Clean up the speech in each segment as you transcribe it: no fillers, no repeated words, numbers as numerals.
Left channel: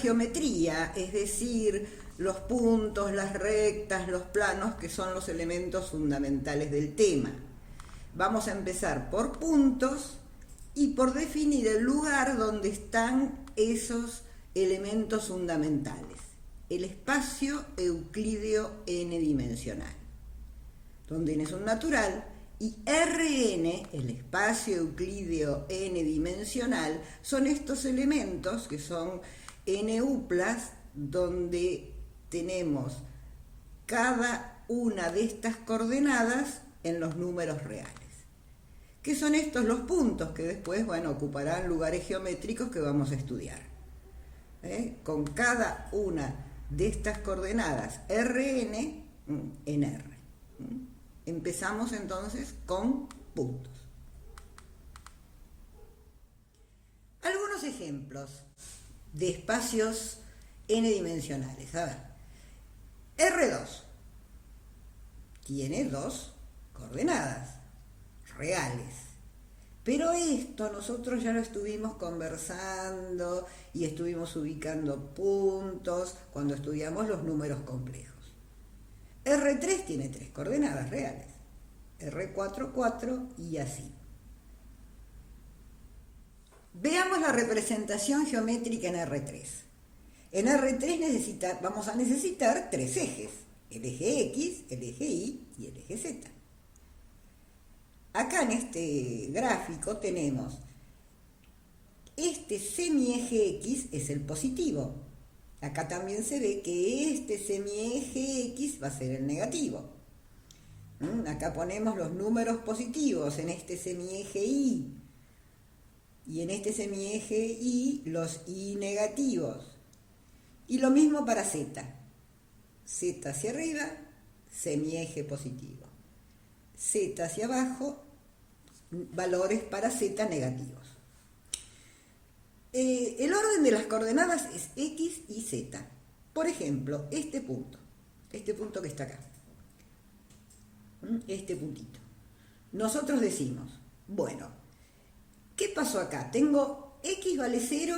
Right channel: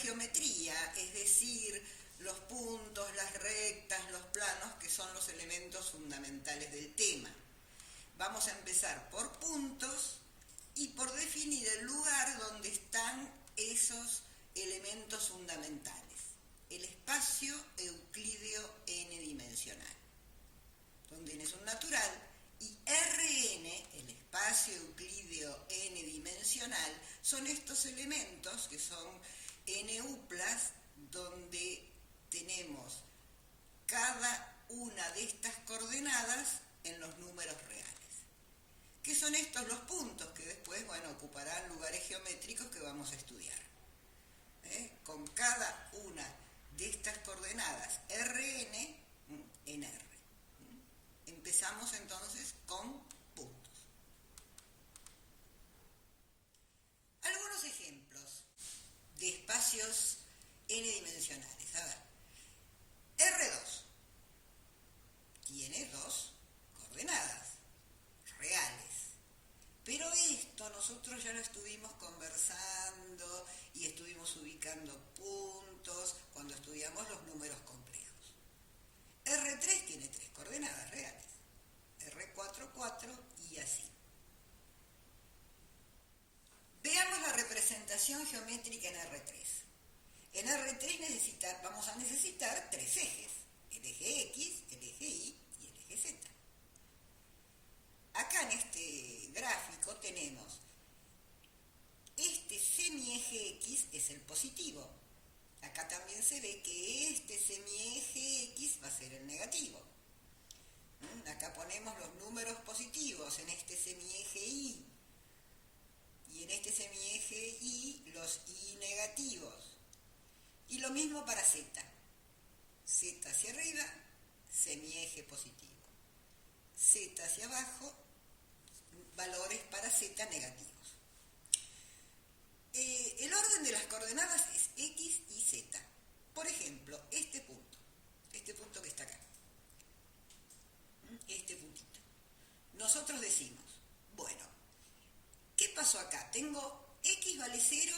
geometría, es decir, los puntos, las rectas, los planos, que son los elementos fundamentales del tema. Vamos a empezar por puntos y por definir el lugar donde están esos elementos fundamentales. El espacio euclídeo n-dimensional, donde n es un natural, y Rn, el espacio euclídeo n-dimensional, son estos elementos que son n-uplas, donde tenemos cada una de estas coordenadas en los números reales. ¿Qué son estos? Los puntos, que después, bueno, ocuparán lugares geométricos que vamos a estudiar. Con cada una de estas coordenadas Rn en R. Empezamos entonces con puntos. Algunos ejemplos de espacios n-dimensionales. A ver, R2 tiene dos coordenadas reales. Pero esto nosotros ya lo estuvimos conversando y estuvimos ubicando puntos cuando estudiamos los números complejos. R3 tiene tres coordenadas reales. R4, 4 y así. Veamos la representación geométrica en R3. En R3 vamos a necesitar tres ejes. El eje X, el eje Y y el eje Z. Acá en este gráfico tenemos este semieje X es el positivo. Acá también se ve que este semieje X va a ser el negativo. Acá ponemos los números positivos en este semieje Y. Y en este semieje Y los Y negativos. Y lo mismo para Z. Z hacia arriba, semieje positivo. Z hacia abajo, valores para Z negativos. El orden de las coordenadas es X y Z. Por ejemplo, este punto que está acá, este puntito. Nosotros decimos, bueno, ¿qué pasó acá? Tengo X vale 0,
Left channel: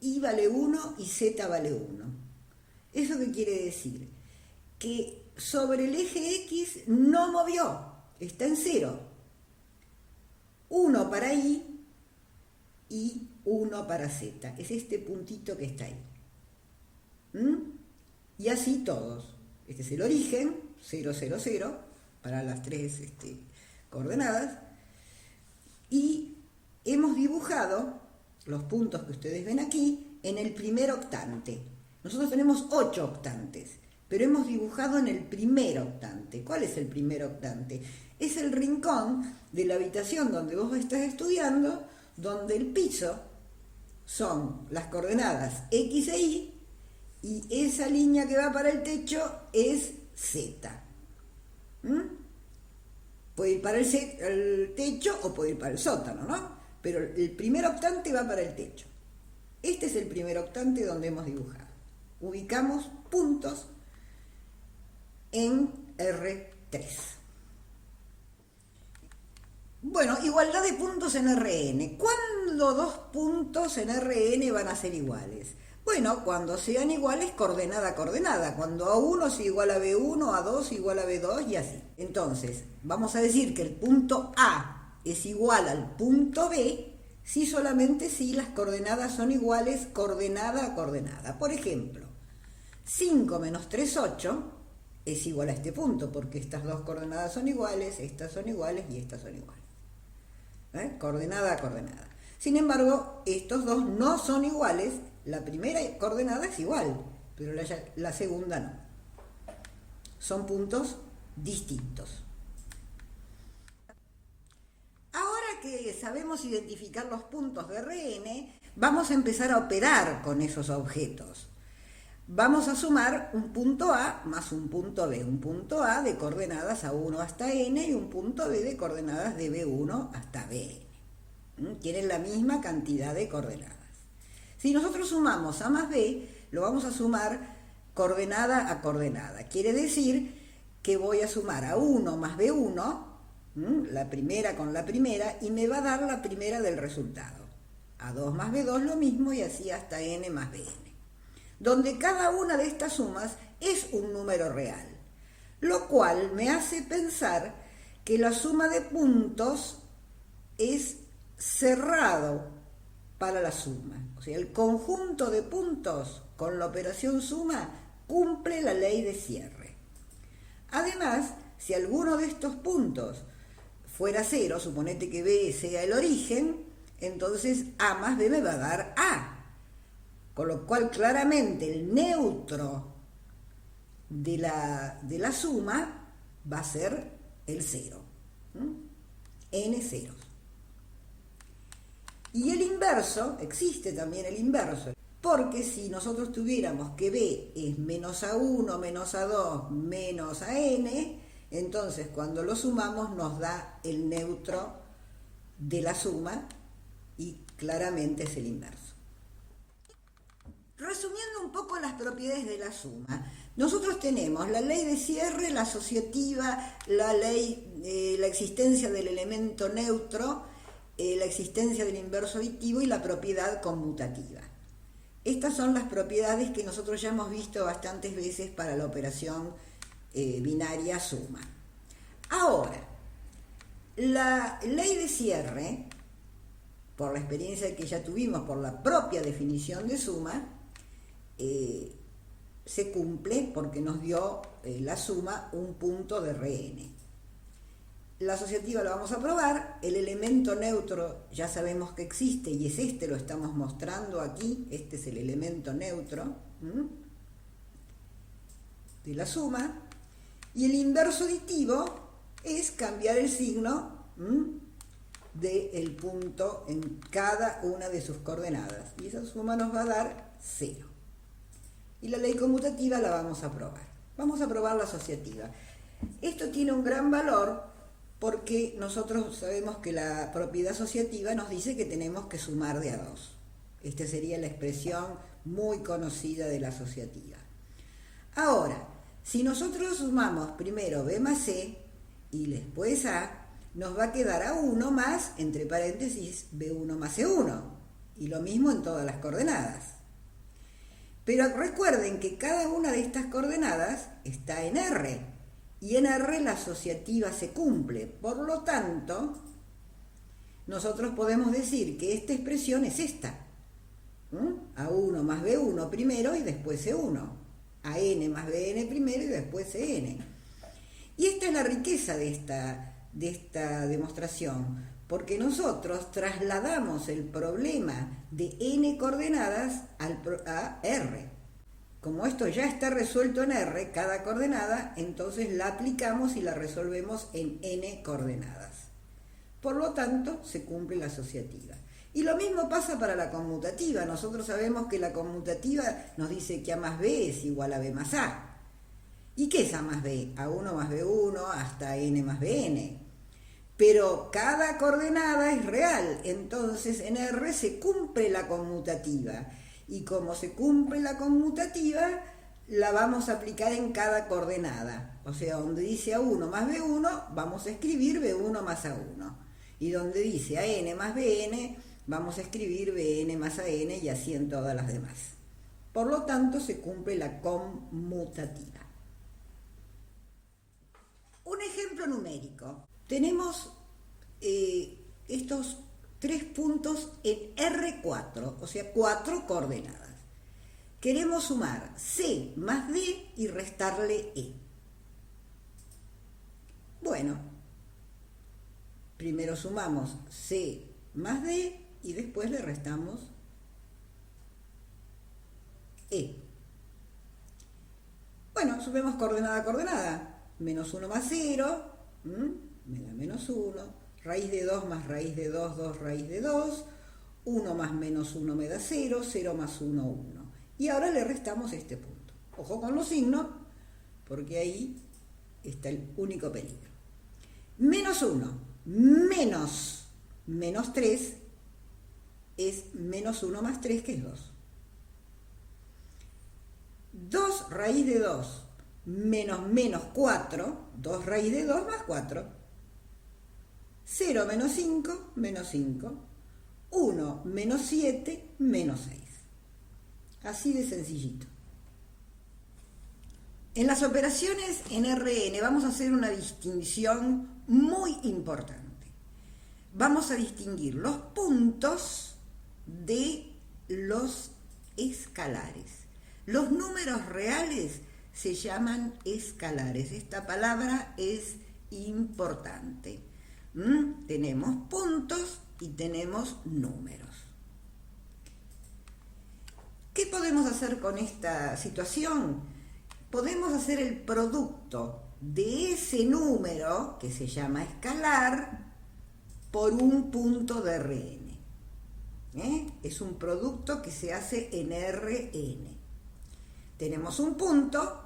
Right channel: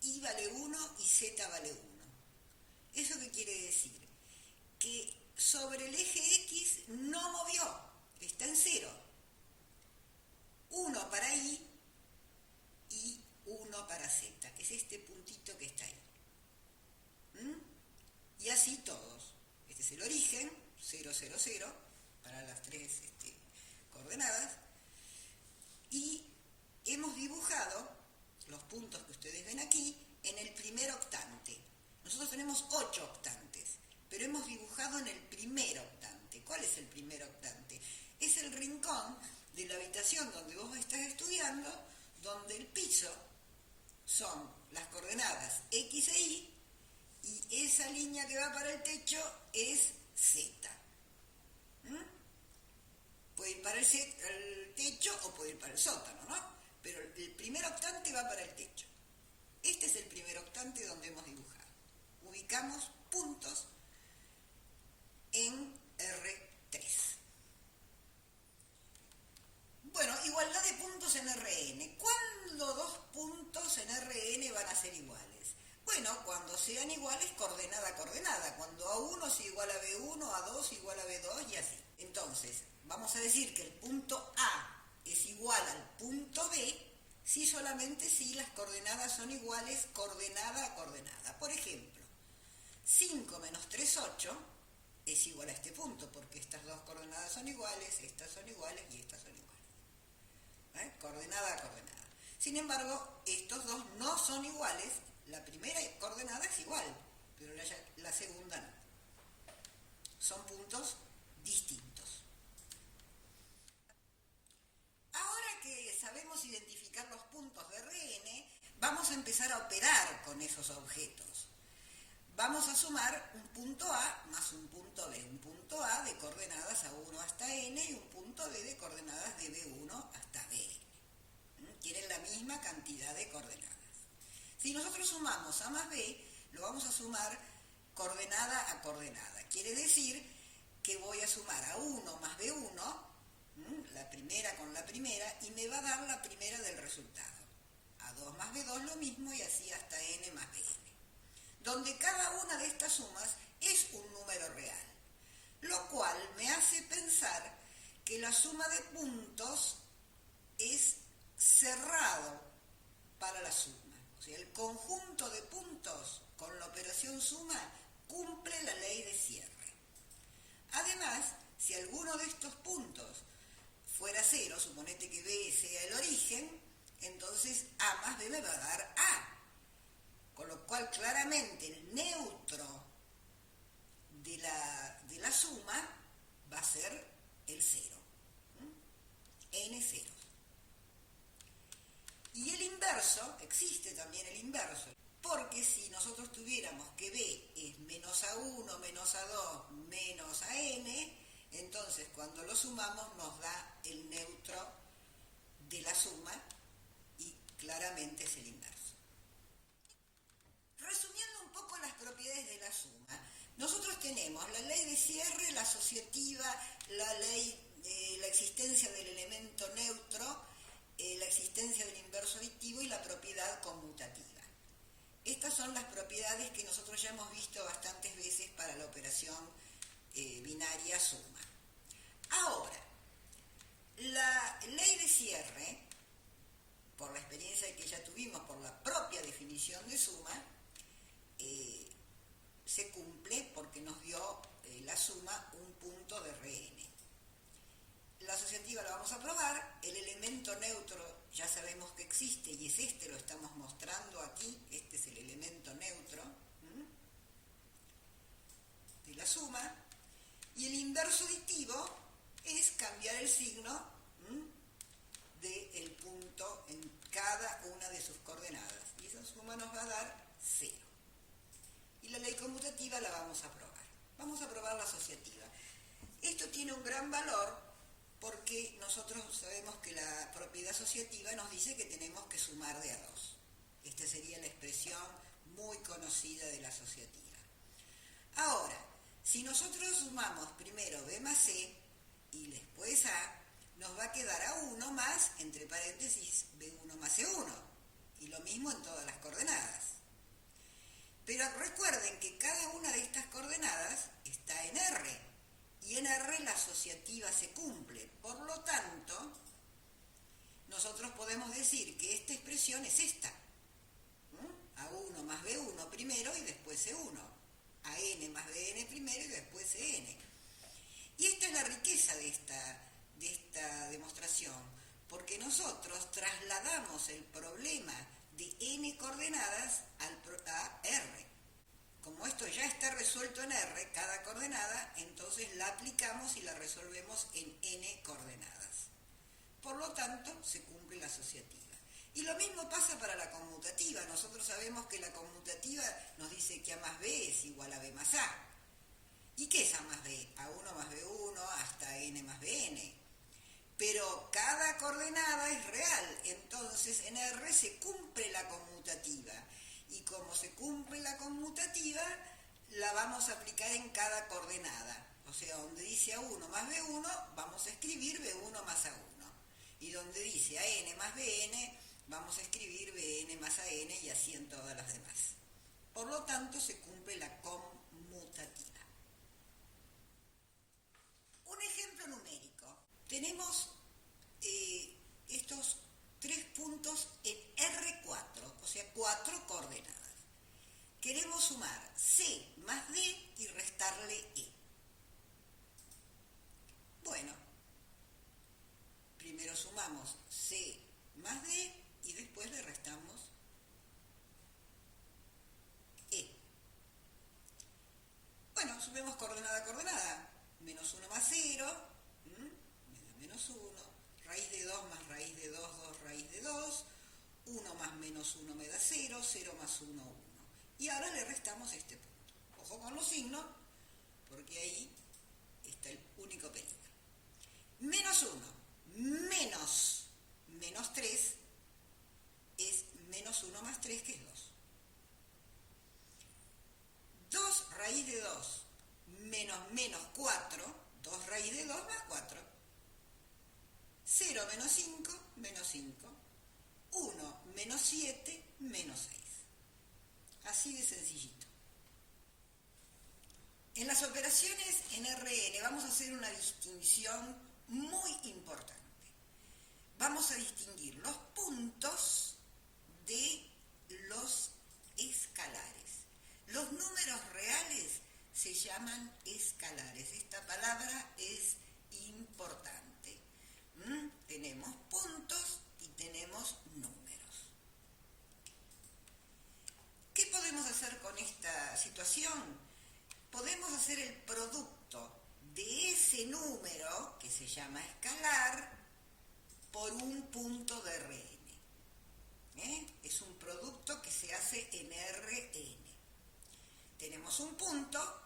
Y vale 1 y Z vale 1. ¿Eso qué quiere decir? Que sobre el eje X no movió, está en 0. 1 para Y y 1 para Z. Es este puntito que está ahí. Y así todos. Este es el origen, 0, 0, 0, para las tres coordenadas. Y hemos dibujado los puntos que ustedes ven aquí en el primer octante. Nosotros tenemos 8 octantes, pero hemos dibujado en el primer octante. ¿Cuál es el primer octante? Es el rincón de la habitación donde vos estás estudiando, donde el piso son las coordenadas X e Y, y esa línea que va para el techo es Z. Puede ir para el techo o puede ir para el sótano, ¿no? Pero el primer octante va para el techo. Este es el primer octante donde hemos dibujado. Ubicamos puntos en R3. Bueno, igualdad de puntos en Rn. ¿Cuándo dos puntos en Rn van a ser iguales? Bueno, cuando sean iguales coordenada a coordenada. Cuando A1 es igual a B1, A2 igual a B2 y así. Entonces, vamos a decir que el punto A es igual al punto B si solamente si las coordenadas son iguales coordenada a coordenada. Por ejemplo, 5 menos 3, 8 es igual a este punto, porque estas dos coordenadas son iguales, estas son iguales y estas son iguales. Coordenada a coordenada. Sin embargo, estos dos no son iguales. La primera coordenada es igual, pero la segunda no. Son puntos distintos. Ahora que sabemos identificar los puntos de Rn, vamos a empezar a operar con esos objetos. Vamos a sumar un punto A más un punto B. Un punto A de coordenadas A1 hasta N y un punto B de coordenadas de B1 hasta Bn. Tienen la misma cantidad de coordenadas. Si nosotros sumamos A más B, lo vamos a sumar coordenada a coordenada. Quiere decir que voy a sumar A1 más B1, la primera con la primera, y me va a dar la primera del resultado. A2 más B2 lo mismo y así hasta N más Bn. donde cada una de estas sumas es un número real, lo cual me hace pensar que la suma de puntos es cerrado para la suma. O sea, el conjunto de puntos con la operación suma cumple la ley de cierre. Además, si alguno de estos puntos fuera cero, suponete que B sea el origen, entonces A más B me va a dar A. Con lo cual claramente el neutro de la suma va a ser el cero. N ceros. Y el inverso, existe también el inverso, porque si nosotros tuviéramos que B es menos A1, menos A2, menos AN, entonces cuando lo sumamos nos da el neutro de la suma y claramente es el inverso. Resumiendo un poco las propiedades de la suma, nosotros tenemos la ley de cierre, la asociativa, la existencia del elemento neutro, la existencia del inverso aditivo y la propiedad conmutativa. Estas son las propiedades que nosotros ya hemos visto bastantes veces para la operación binaria suma. Ahora, la ley de cierre, por la experiencia que ya tuvimos, por la propia definición de suma, se cumple porque nos dio la suma un punto de Rn. La asociativa la vamos a probar, el elemento neutro ya sabemos que existe y es este, lo estamos mostrando aquí, este es el elemento neutro de la suma, y el inverso aditivo es cambiar el signo del punto en cada una de sus coordenadas, y esa suma nos va a dar 0. Y la ley conmutativa la vamos a probar. Vamos a probar la asociativa. Esto tiene un gran valor porque nosotros sabemos que la propiedad asociativa nos dice que tenemos que sumar de a 2. Esta sería la expresión muy conocida de la asociativa. Ahora, si nosotros sumamos primero B más C y después A, nos va a quedar A1 más, entre paréntesis, B1 más C1. Y lo mismo en todas las coordenadas. Pero recuerden que cada una de estas coordenadas está en R, y en R la asociativa se cumple. Por lo tanto, nosotros podemos decir que esta expresión es esta. A1 más B1 primero y después C1. AN más BN primero y después CN. Y esta es la riqueza de esta demostración, porque nosotros trasladamos el problema de n coordenadas a R. Como esto ya está resuelto en R, cada coordenada, entonces la aplicamos y la resolvemos en n coordenadas. Por lo tanto, se cumple la asociativa. Y lo mismo pasa para la conmutativa. Nosotros sabemos que la conmutativa nos dice que A más B es igual a B más A. ¿Y qué es A más B? A1 más B1 hasta n más Bn. Pero cada coordenada es real, entonces en R se cumple la conmutativa. Y como se cumple la conmutativa, la vamos a aplicar en cada coordenada. O sea, donde dice A1 más B1, vamos a escribir B1 más A1. Y donde dice AN más BN, vamos a escribir BN más AN y así en todas las demás. Por lo tanto, se cumple la conmutativa. Un ejemplo numérico. Tenemos estos 3 puntos en R4, o sea, 4 coordenadas. Queremos sumar C más D y restarle E. Bueno, primero sumamos C más D y después le restamos E. Bueno, sumemos coordenada a coordenada. Menos 1 más 0, me da menos 1. Raíz de 2 más raíz de 2, 2 raíz de 2. 1 más menos 1 me da 0, 0 más 1, 1. Y ahora le restamos este punto. Ojo con los signos, porque ahí está el único peligro. Menos 1 menos 3 es menos 1 más 3, que es 2. 2 raíz de 2 menos 4, 2 raíz de 2 más 4. 0 menos 5, menos 5. 1 menos 7, menos 6. Así de sencillito. En las operaciones en Rn vamos a hacer una distinción muy importante. Vamos a distinguir los puntos de los escalares. Los números reales se llaman escalares. Esta palabra es importante. Tenemos puntos y tenemos números. ¿Qué podemos hacer con esta situación? Podemos hacer el producto de ese número, que se llama escalar, por un punto de Rn. Es un producto que se hace en Rn. Tenemos un punto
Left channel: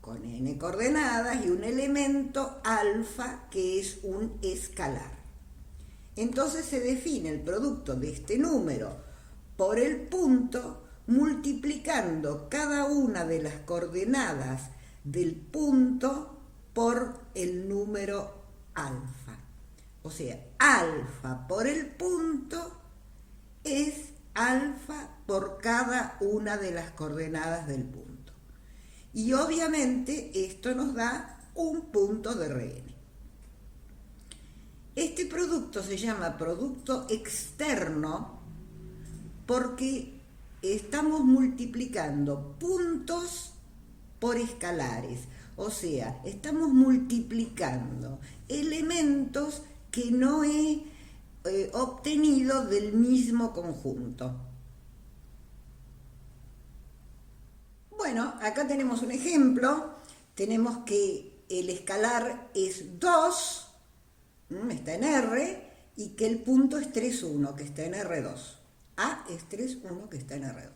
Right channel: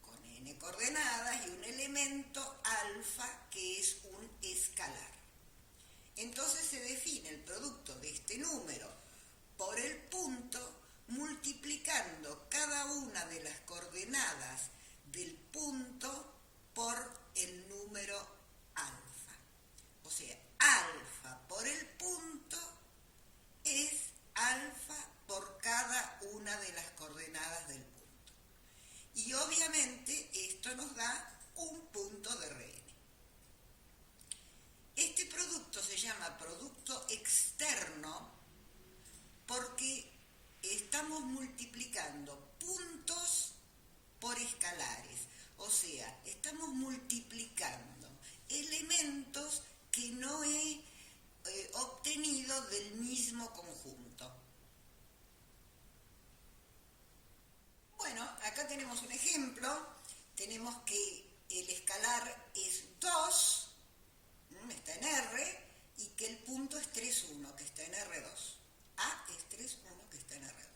con n coordenadas y un elemento alfa que es un escalar. Entonces se define el producto de este número por el punto multiplicando cada una de las coordenadas del punto por el número alfa. O sea, alfa por el punto es alfa por cada una de las coordenadas del punto. Y obviamente esto nos da un punto de Rn. Este producto se llama producto externo porque estamos multiplicando puntos por escalares. O sea, estamos multiplicando elementos que no he obtenido del mismo conjunto. Bueno, acá tenemos un ejemplo. Tenemos que el escalar es 2, está en R, y que el punto es 3, 1, que está en R2. A es 3, 1, que está en R2.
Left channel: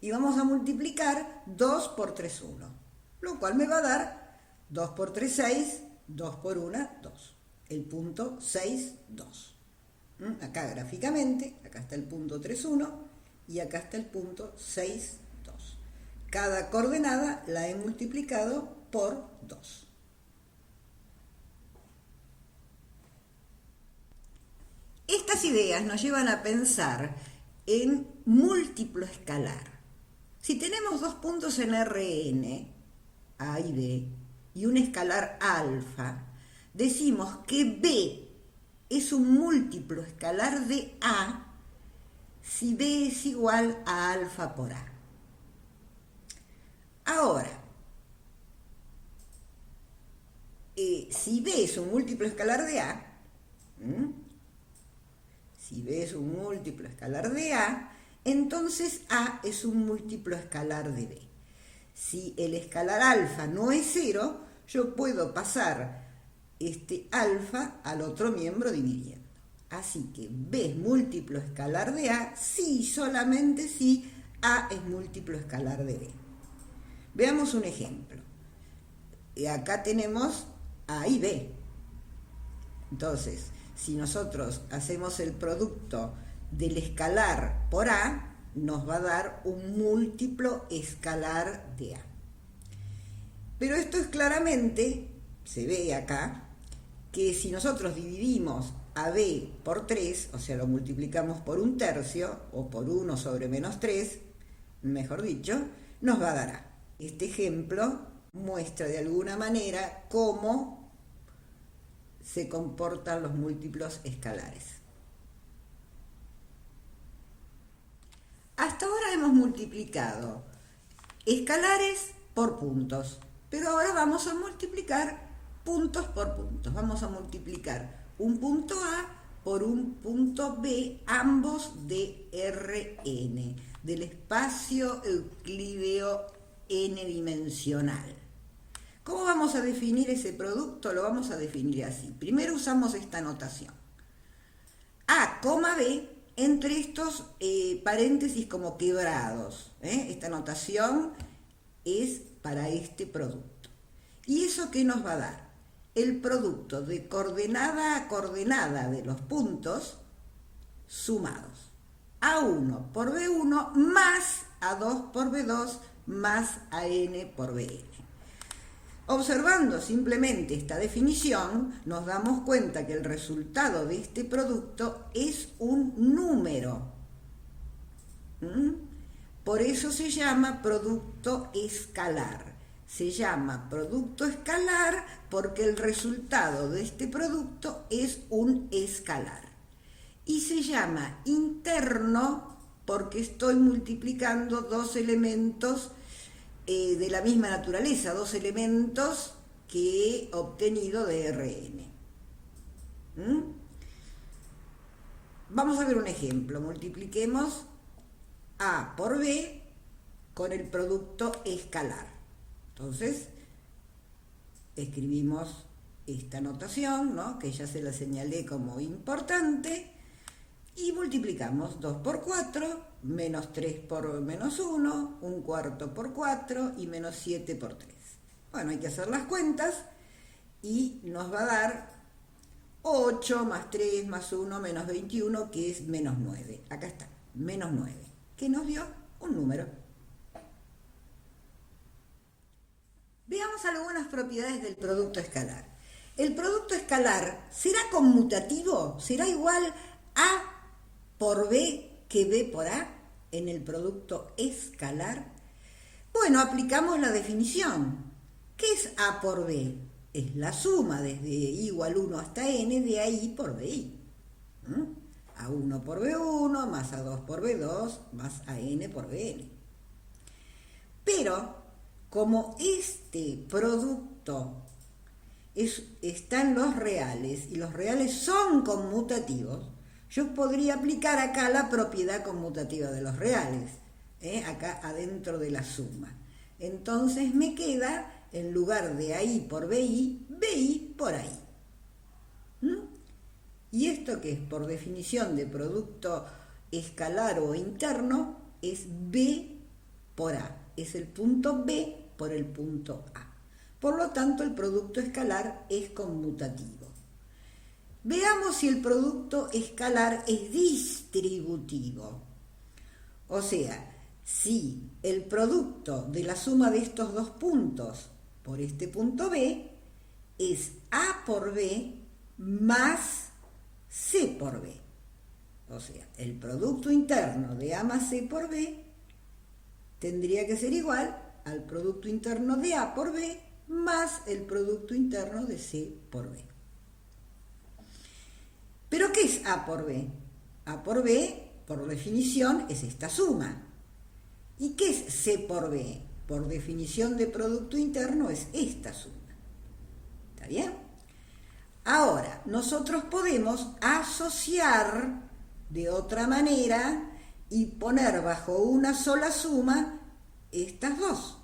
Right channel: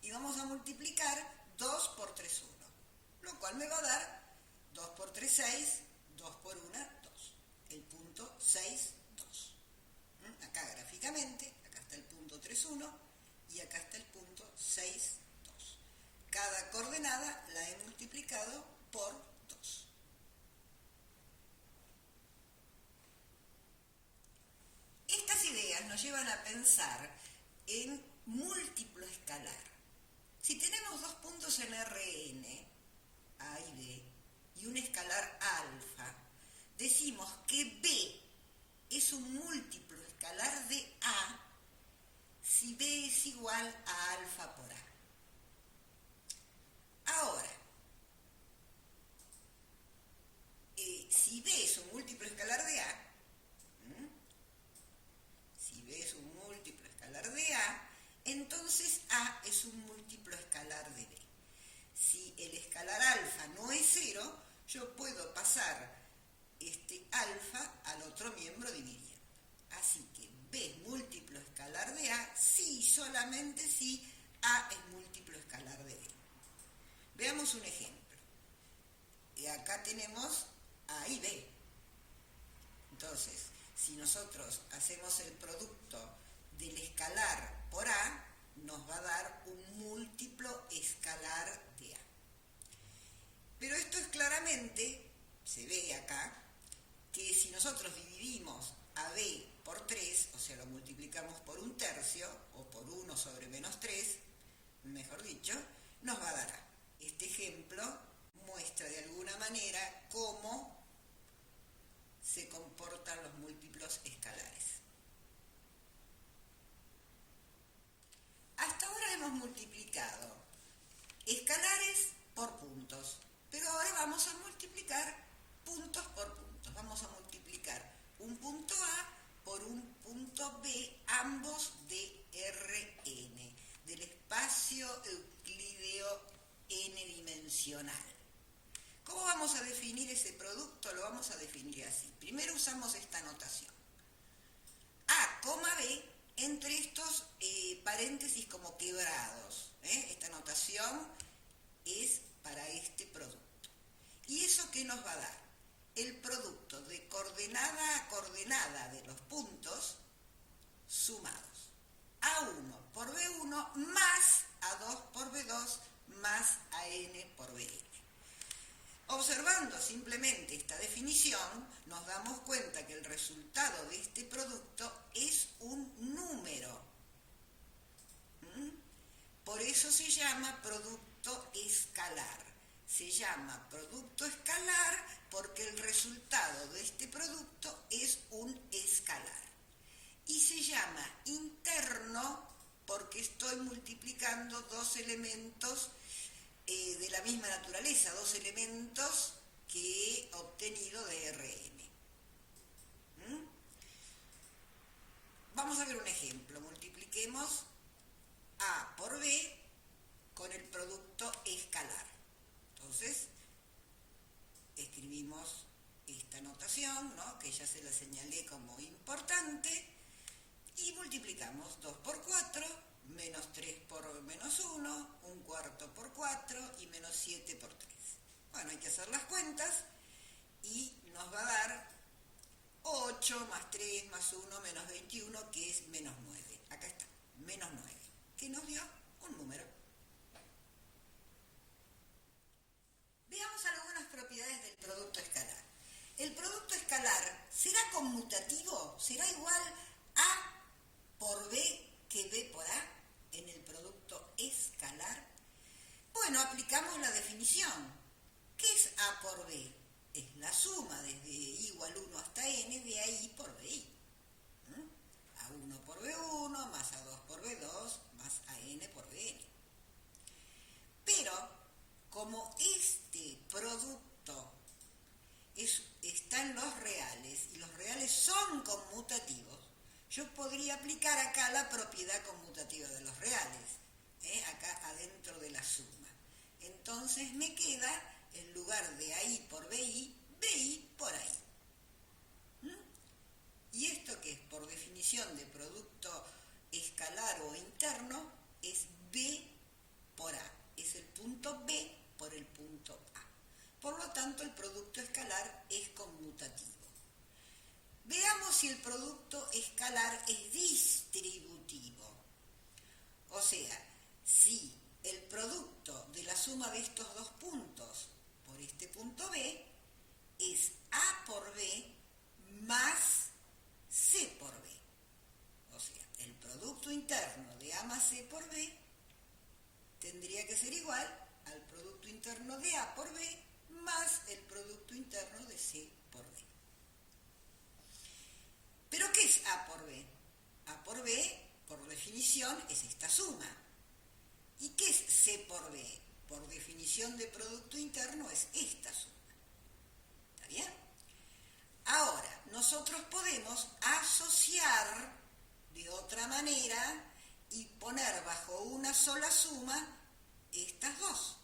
Y vamos a multiplicar 2 por 3, 1, lo cual me va a dar 2 por 3, 6, 2 por 1, 2. El punto 6, 2. Acá gráficamente, acá está el punto 3, 1 y acá está el punto 6, 2. Cada coordenada la he multiplicado por 2. Estas ideas nos llevan a pensar en múltiplo escalar. Si tenemos dos puntos en Rn, A y B, y un escalar alfa, decimos que B es un múltiplo escalar de A si B es igual a alfa por A. Ahora, si B es un múltiplo escalar de A, si B es un múltiplo escalar de A, entonces A es un múltiplo escalar de B. Si el escalar alfa no es 0, yo puedo pasar este alfa al otro miembro dividiendo. Así que B es múltiplo escalar de A si y solamente si A es múltiplo escalar de B. Veamos un ejemplo. Acá tenemos A y B. Entonces, si nosotros hacemos el producto del escalar por A, nos va a dar un múltiplo escalar de A. Pero esto es claramente, se ve acá, que si nosotros dividimos a B por 3, o sea, lo multiplicamos por 1/3 o por 1 sobre menos 3, mejor dicho, nos va a dar A. Este ejemplo muestra de alguna manera cómo se comportan los múltiplos escalares. Hasta ahora hemos multiplicado escalares por puntos, pero ahora vamos a multiplicar puntos por puntos. Vamos a multiplicar un punto A por un punto B, ambos de Rn, del espacio euclídeo n-dimensional. ¿Cómo vamos a definir ese producto? Lo vamos a definir así. Primero usamos esta notación. A, B, entre estos paréntesis como quebrados. Esta notación es para este producto. ¿Y eso qué nos va a dar? El producto de coordenada a coordenada de los puntos sumados. A1 por B1 más A2 por B2 más AN por BN. Observando simplemente esta definición, nos damos cuenta que el resultado de este producto es un número. Por eso se llama producto escalar. Se llama producto escalar porque el resultado de este producto es un escalar. Y se llama interno porque estoy multiplicando dos elementos de la misma naturaleza, dos elementos que he obtenido de Rn. Vamos a ver un ejemplo. Multipliquemos A por B con el producto escalar. Entonces, escribimos esta notación, ¿no?, que ya se la señalé como importante, y multiplicamos 2 por 4, menos 3 por menos 1, un cuarto por 4 y menos 7 por 3. Bueno, hay que hacer las cuentas y nos va a dar 8 más 3 más 1 menos 21, que es menos 9. Acá está, menos 9, que nos dio un número. Veamos algunas propiedades del producto escalar. ¿El producto escalar será conmutativo? ¿Será igual A por B que B por A en el producto escalar? Bueno, aplicamos la definición. ¿Qué es A por B? Es la suma desde I igual 1 hasta N de AI por BI. A1 por B1 más A2 por B2 más AN por BN. Pero como este producto está en los reales y los reales son conmutativos, yo podría aplicar acá la propiedad conmutativa de los reales, acá adentro de la suma. Entonces me queda, en lugar de AI por BI, BI por AI. ¿Y esto qué es? Por definición de producto escalar o interno, es B por A. Es el punto B por el punto A. Por lo tanto, el producto escalar es conmutativo. Veamos si el producto escalar es distributivo. O sea, si el producto de la suma de estos dos puntos por este punto B es A por B más C por B. O sea, el producto interno de A más C por B tendría que ser igual al producto interno de A por B más el producto interno de C por B. ¿Pero qué es A por B? A por B, por definición, es esta suma. ¿Y qué es C por B? Por definición de producto interno, es esta suma. ¿Está bien? Ahora, nosotros podemos asociar de otra manera y poner bajo una sola suma estas dos,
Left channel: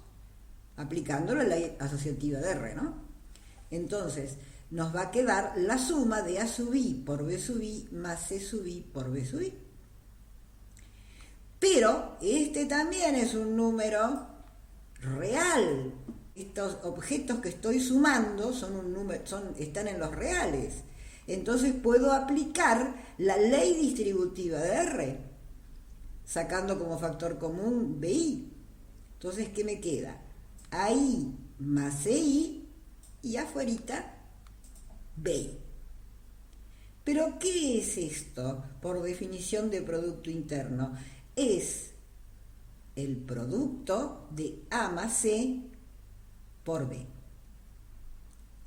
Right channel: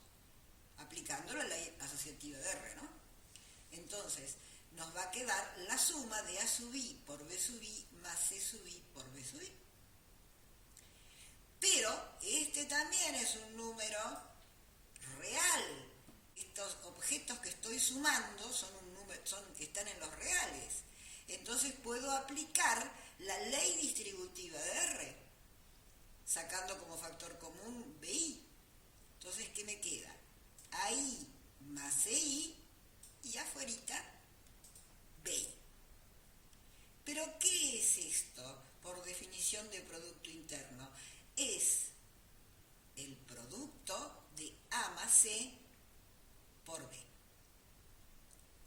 aplicando la ley asociativa de R, ¿no? Entonces, nos va a quedar la suma de A sub I por B sub I más C sub I por B sub I. Pero este también es un número real. Estos objetos que estoy sumando están en los reales. Entonces puedo aplicar la ley distributiva de R, sacando como factor común BI. Entonces, ¿qué me queda? AI más CI y afuerita BI. ¿Pero qué es esto por definición de producto interno? Es el producto de A más C por B.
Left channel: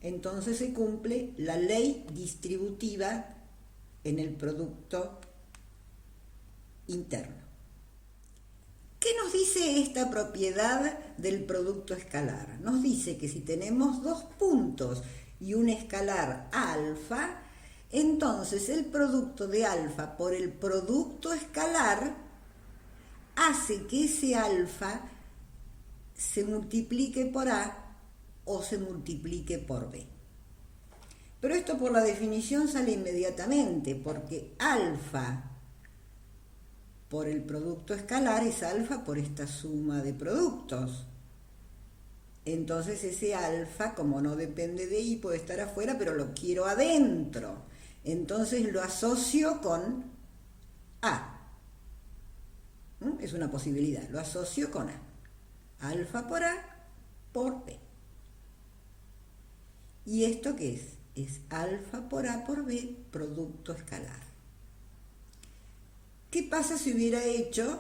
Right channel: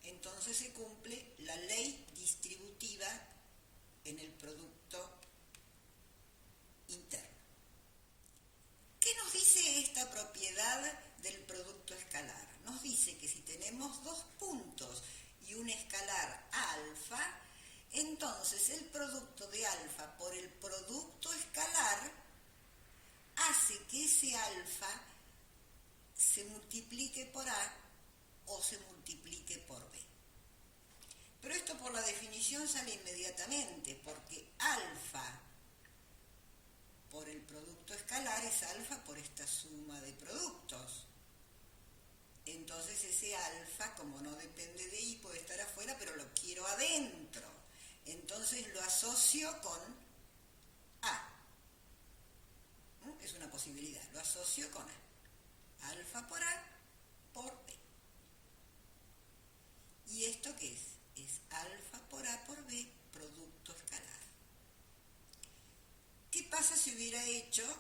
Entonces se cumple la ley distributiva en el producto interno. ¿Qué nos dice esta propiedad del producto escalar? Nos dice que si tenemos dos puntos y un escalar alfa, entonces el producto de alfa por el producto escalar hace que ese alfa se multiplique por A o se multiplique por B. Pero esto por la definición sale inmediatamente, porque alfa por el producto escalar es alfa por esta suma de productos. Entonces ese alfa, como no depende de I, puede estar afuera, pero lo quiero adentro. Entonces lo asocio con A. Es una posibilidad, lo asocio con A. Alfa por A por B. ¿Y esto qué es? Es alfa por A por B, producto escalar. ¿Qué pasa si hubiera hecho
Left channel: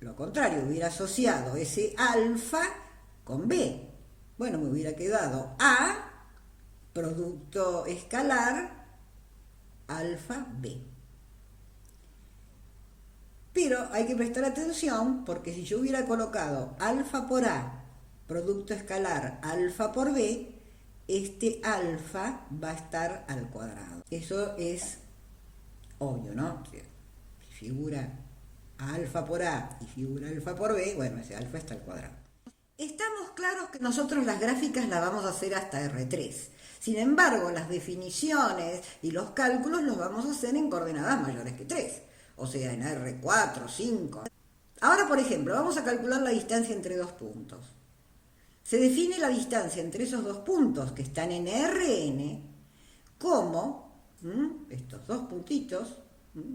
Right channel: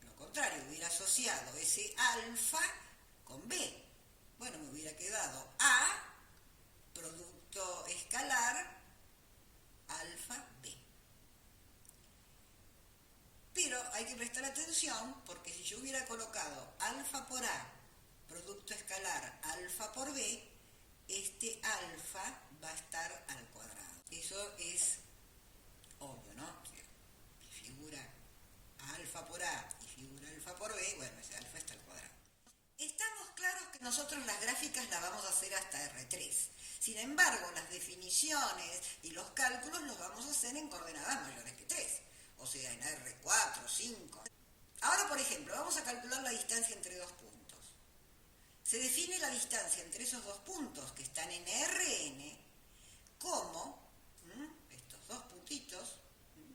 lo contrario, hubiera asociado ese alfa con B. Bueno, me hubiera quedado A, producto escalar, alfa B. Pero hay que prestar atención porque si yo hubiera colocado alfa por A, producto escalar alfa por B, este alfa va a estar al cuadrado. Eso es obvio, ¿no? Si figura alfa por A y figura alfa por B, bueno, ese alfa está al cuadrado. Estamos claros que nosotros las gráficas las vamos a hacer hasta R3. Sin embargo, las definiciones y los cálculos los vamos a hacer en coordenadas mayores que 3. O sea, en R4, 5. Ahora, por ejemplo, vamos a calcular la distancia entre dos puntos. Se define la distancia entre esos dos puntos que están en Rn como, estos dos puntitos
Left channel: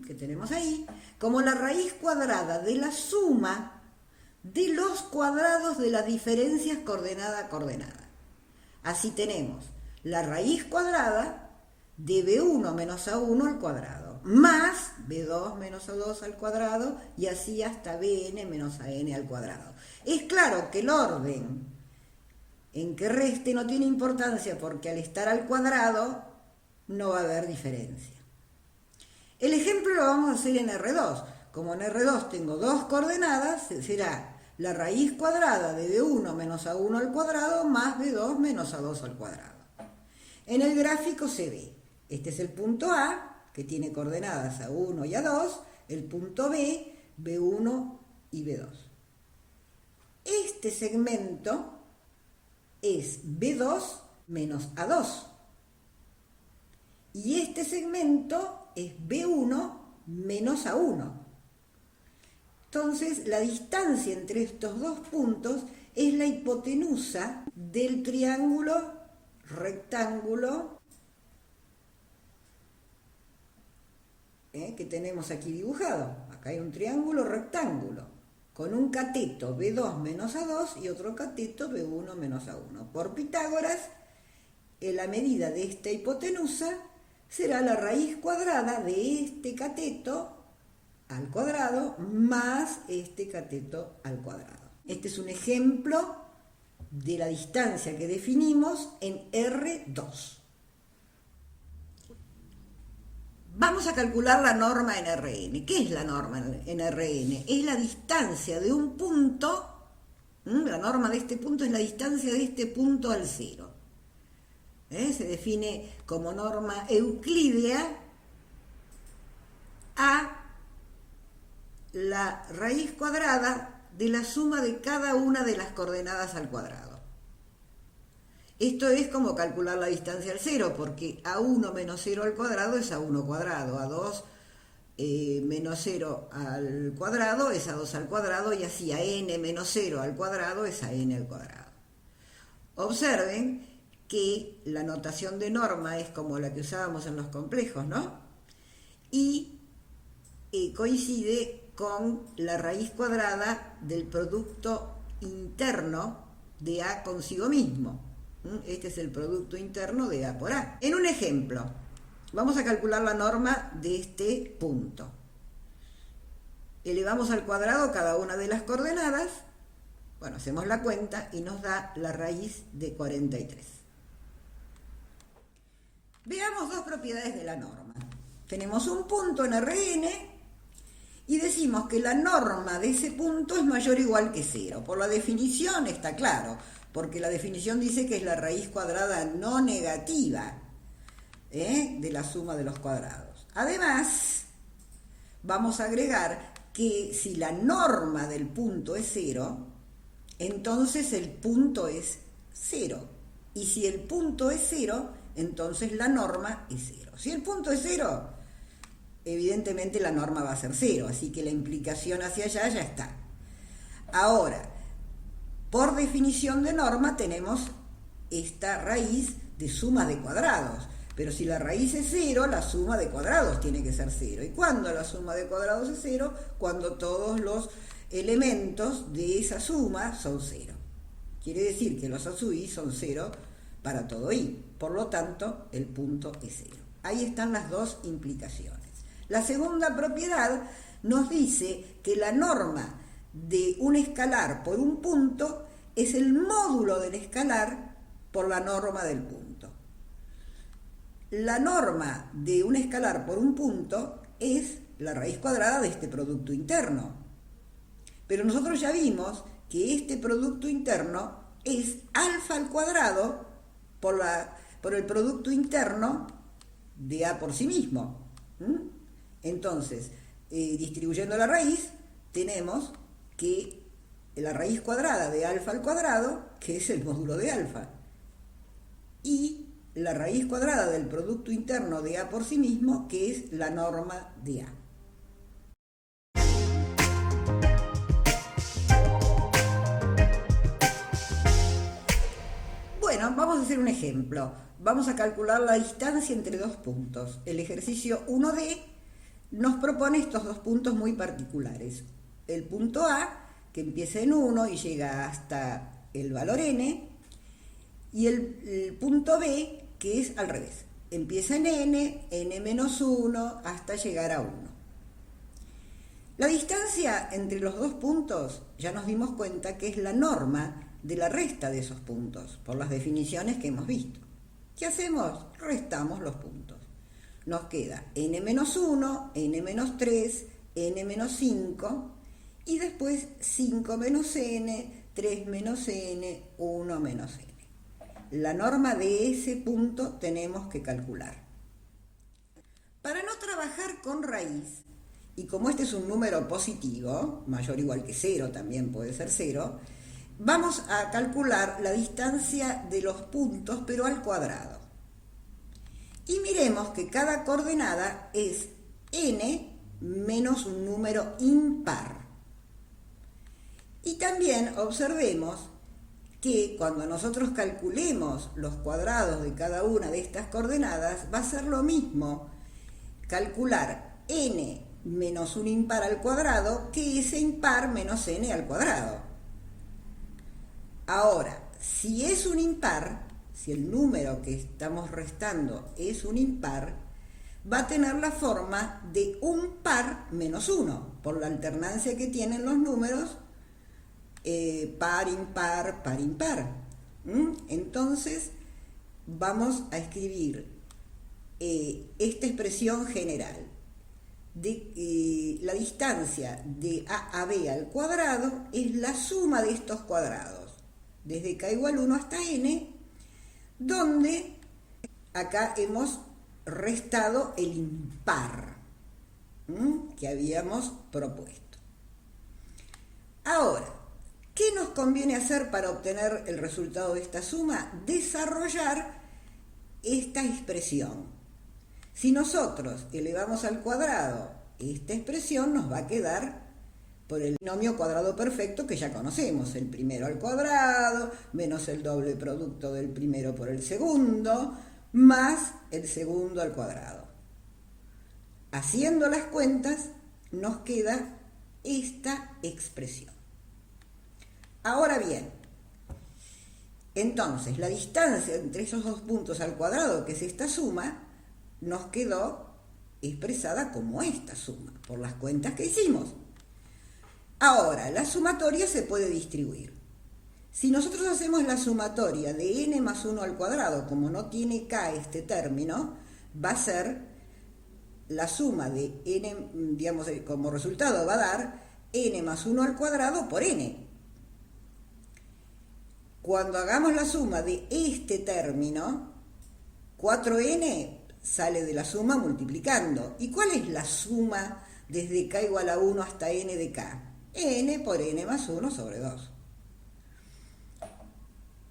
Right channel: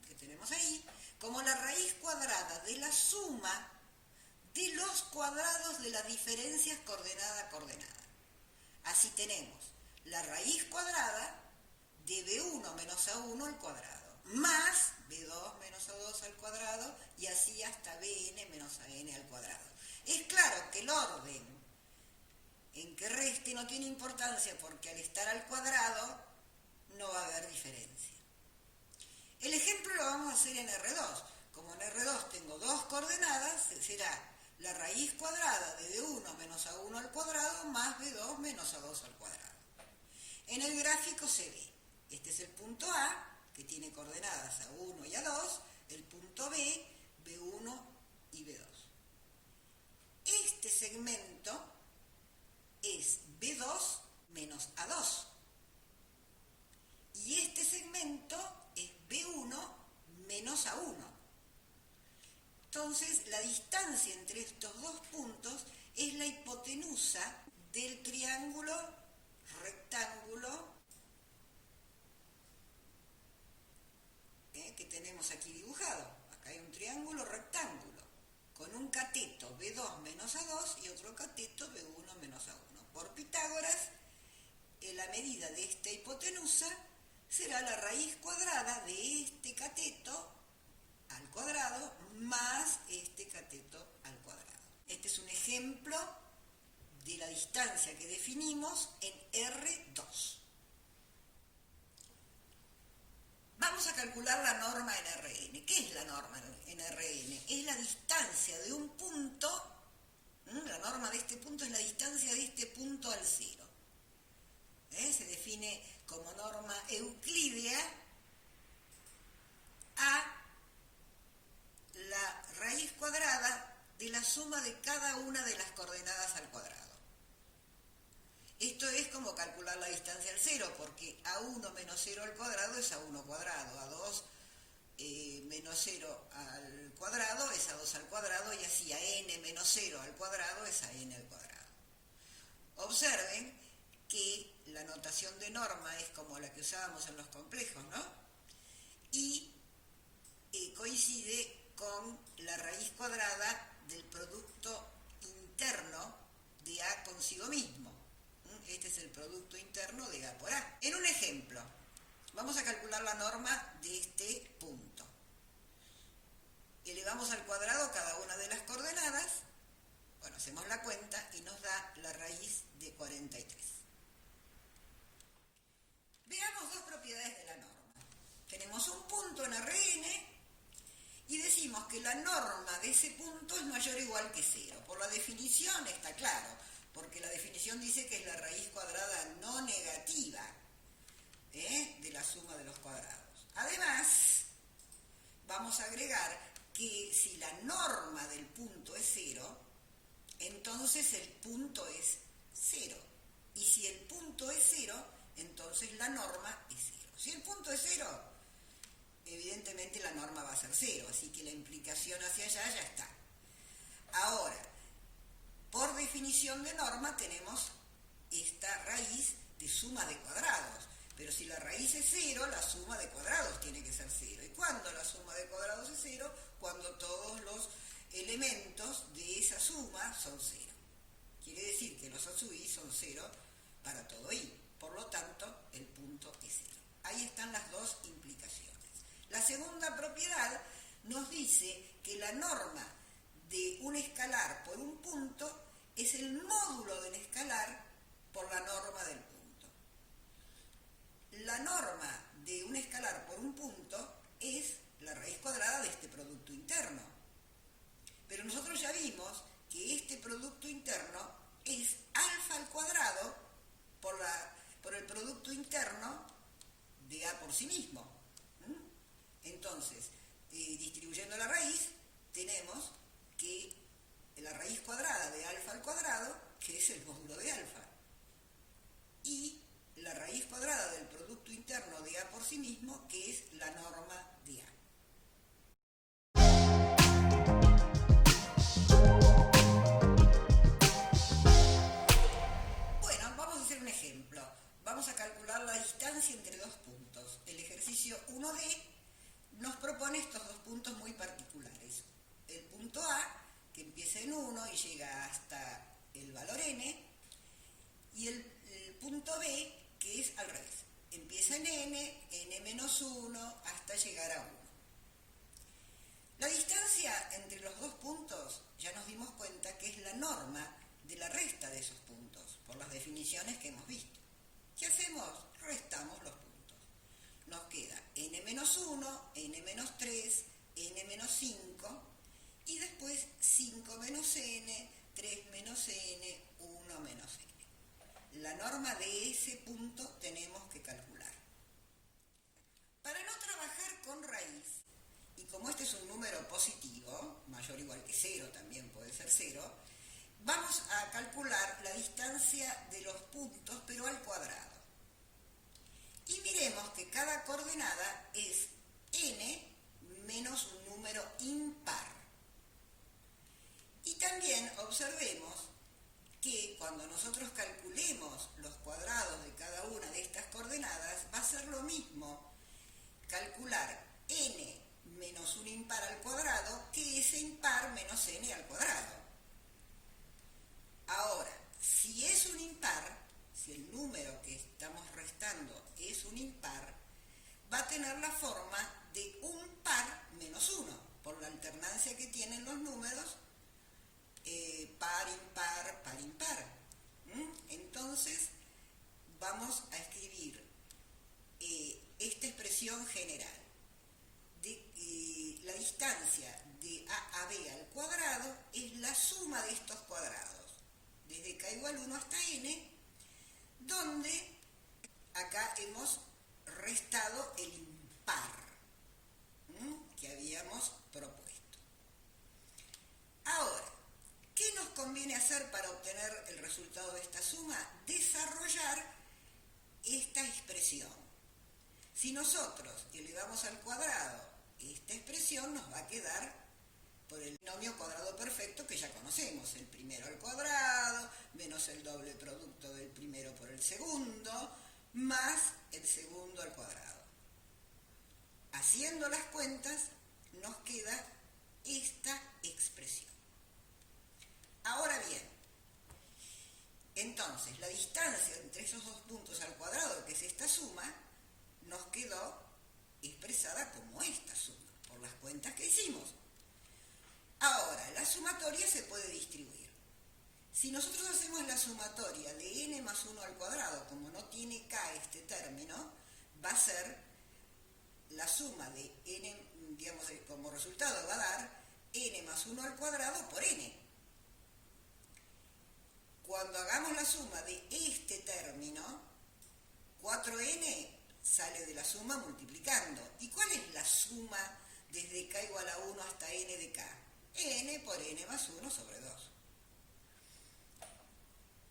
que tenemos ahí, como la raíz cuadrada de la suma de los cuadrados de las diferencias coordenada a coordenada. Así tenemos la raíz cuadrada de B1 menos A1 al cuadrado, más B2 menos A2 al cuadrado, y así hasta Bn menos An al cuadrado. Es claro que el orden en que reste no tiene importancia porque al estar al cuadrado no va a haber diferencia. El ejemplo lo vamos a hacer en R2. Como en R2 tengo dos coordenadas, será la raíz cuadrada de B1 menos A1 al cuadrado más B2 menos A2 al cuadrado. En el gráfico se ve, este es el punto A, que tiene coordenadas A1 y A2, el punto B, B1 y B2. Este segmento es B2 menos A2. Y este segmento es B1 menos A1. Entonces, la distancia entre estos dos puntos es la hipotenusa del triángulo rectángulo que tenemos aquí dibujado. Acá hay un triángulo rectángulo con un cateto B2 menos A2 y otro cateto B1 menos A1. Por Pitágoras, la medida de esta hipotenusa será la raíz cuadrada de este cateto al cuadrado más este cateto al cuadrado. Este es un ejemplo de la distancia que definimos en R2. Vamos a calcular la norma en Rn. ¿Qué es la norma en Rn? Es la distancia de un punto, la norma de este punto es la distancia de este punto al cero. Se define como norma euclídea a la raíz cuadrada de la suma de cada una de las coordenadas al cuadrado. Esto es como calcular la distancia al cero, porque A1 menos 0 al cuadrado es A1 cuadrado, A2 menos 0 al cuadrado es A2 al cuadrado, y así a n menos 0 al cuadrado es a n al cuadrado. Observen que la notación de norma es como la que usábamos en los complejos, ¿no? Y coincide con la raíz cuadrada del producto interno de A consigo mismo. Este es el producto interno de A por A. En un ejemplo, vamos a calcular la norma de este punto. Elevamos al cuadrado cada una de las coordenadas. Bueno, hacemos la cuenta y nos da la raíz de 43. Veamos dos propiedades de la norma. Tenemos un punto en Rn y decimos que la norma de ese punto es mayor o igual que 0. Por la definición está claro, porque la definición dice que es la raíz cuadrada no negativa de la suma de los cuadrados. Además, vamos a agregar que si la norma del punto es 0, entonces el punto es 0. Y si el punto es 0, entonces la norma es 0. Si el punto es 0, evidentemente la norma va a ser 0, así que la implicación hacia allá ya está. Ahora, por definición de norma tenemos esta raíz de suma de cuadrados, pero si la raíz es 0, la suma de cuadrados tiene que ser 0. ¿Y cuándo la suma de cuadrados es 0? Cuando todos los elementos de esa suma son 0. Quiere decir que los a sub i son 0 para todo i, por lo tanto el punto es 0. Ahí están las dos implicaciones. La segunda propiedad nos dice que la norma de un escalar por un punto es el módulo del escalar por la norma del punto. La norma de un escalar por un punto es la raíz cuadrada de este producto interno. Pero nosotros ya vimos que este producto interno es alfa al cuadrado por el producto interno de A por sí mismo. Entonces, distribuyendo la raíz, tenemos que la raíz cuadrada de alfa al cuadrado, que es el módulo de alfa, y la raíz cuadrada del producto interno de A por sí mismo, que es la norma de A. Bueno, vamos a hacer un ejemplo. Vamos a calcular la distancia entre dos puntos. El ejercicio 1D nos propone estos dos puntos muy particulares. El punto A, que empieza en 1 y llega hasta el valor n, y el punto B, que es al revés. Empieza en n menos 1, hasta llegar a 1. La distancia entre los dos puntos ya nos dimos cuenta que es la norma de la resta de esos puntos, por las definiciones que hemos visto. ¿Qué hacemos? Restamos los puntos. Nos queda n menos 1, n menos 3, n menos 5, y después 5 menos n, 3 menos n, 1 menos n. La norma de ese punto tenemos que calcular. Para no trabajar con raíz, y como este es un número positivo, mayor o igual que 0, también puede ser 0, vamos a calcular la distancia de los puntos, pero al cuadrado. Y miremos que cada coordenada es n menos un número impar. Y también observemos que cuando nosotros calculemos los cuadrados de cada una de estas coordenadas, va a ser lo mismo calcular n menos un impar al cuadrado que ese impar menos n al cuadrado. Ahora, si es un impar, si el número que estamos restando es un impar, va a tener la forma de un par menos 1, por la alternancia que tienen los números par, impar, par, impar. Entonces, vamos a escribir esta expresión general. La distancia de A a B al cuadrado es la suma de estos cuadrados, desde k igual 1 hasta n, donde acá hemos restado el impar que habíamos propuesto. Ahora, ¿qué nos conviene hacer para obtener el resultado de esta suma? Desarrollar esta expresión. Si nosotros elevamos al cuadrado esta expresión, nos va a quedar por el binomio cuadrado perfecto que ya conocemos, el primero al cuadrado, menos el doble producto del primero por el segundo, más el segundo al cuadrado. Haciendo las cuentas, nos queda esta expresión. Ahora bien, entonces la distancia entre esos dos puntos al cuadrado, que es esta suma, nos quedó expresada como esta suma, por las cuentas que hicimos. Ahora, la sumatoria se puede distribuir. Si nosotros hacemos la sumatoria de n más 1 al cuadrado, como no tiene k este término, va a ser la suma de n, digamos, como resultado va a dar n más 1 al cuadrado por n. Cuando hagamos la suma de este término, 4n sale de la suma multiplicando. ¿Y cuál es la suma desde k igual a 1 hasta n de k? N por n más 1 sobre 2.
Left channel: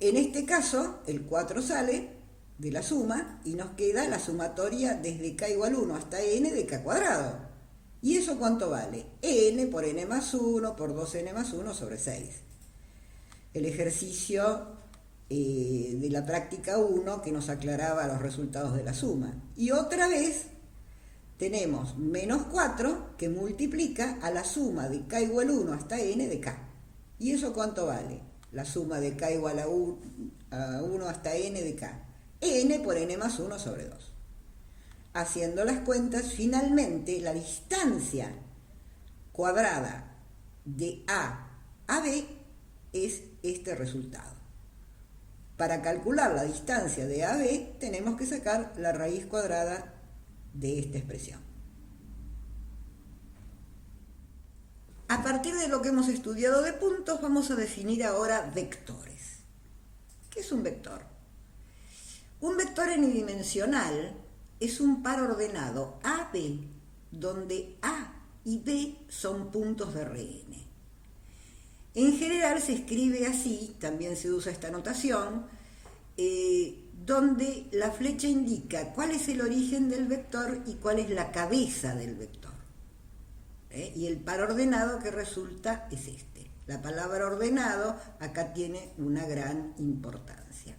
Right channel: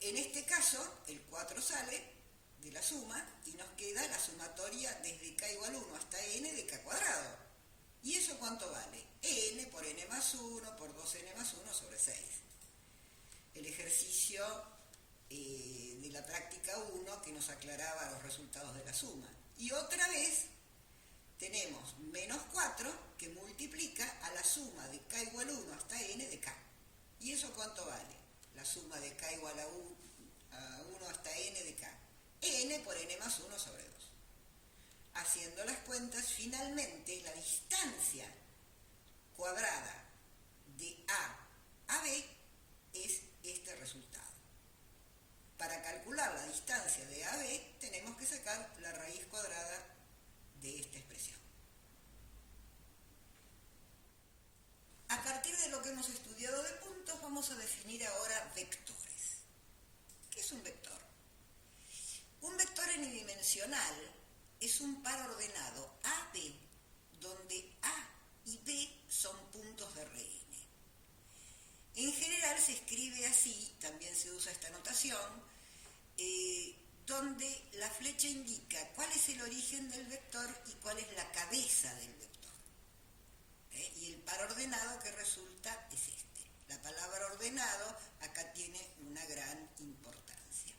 En este caso, el 4 sale de la suma y nos queda la sumatoria desde k igual a 1 hasta n de k cuadrado. ¿Y eso cuánto vale? N por n más 1 por 2n más 1 sobre 6. El ejercicio de la práctica 1 que nos aclaraba los resultados de la suma. Y otra vez tenemos menos 4 que multiplica a la suma de k igual a 1 hasta n de k. ¿Y eso cuánto vale? La suma de k igual a 1 hasta n de k. N por n más 1 sobre 2. Haciendo las cuentas, finalmente la distancia cuadrada de A a B es este resultado. Para calcular la distancia de A a B tenemos que sacar la raíz cuadrada de esta expresión. A partir de lo que hemos estudiado de puntos, vamos a definir ahora vectores. ¿Qué es un vector? Un vector enidimensional es un par ordenado AB, donde A y B son puntos de Rn. En general se escribe así, también se usa esta notación, donde la flecha indica cuál es el origen del vector y cuál es la cabeza del vector. Y el par ordenado que resulta es este. La palabra ordenado acá tiene una gran importancia.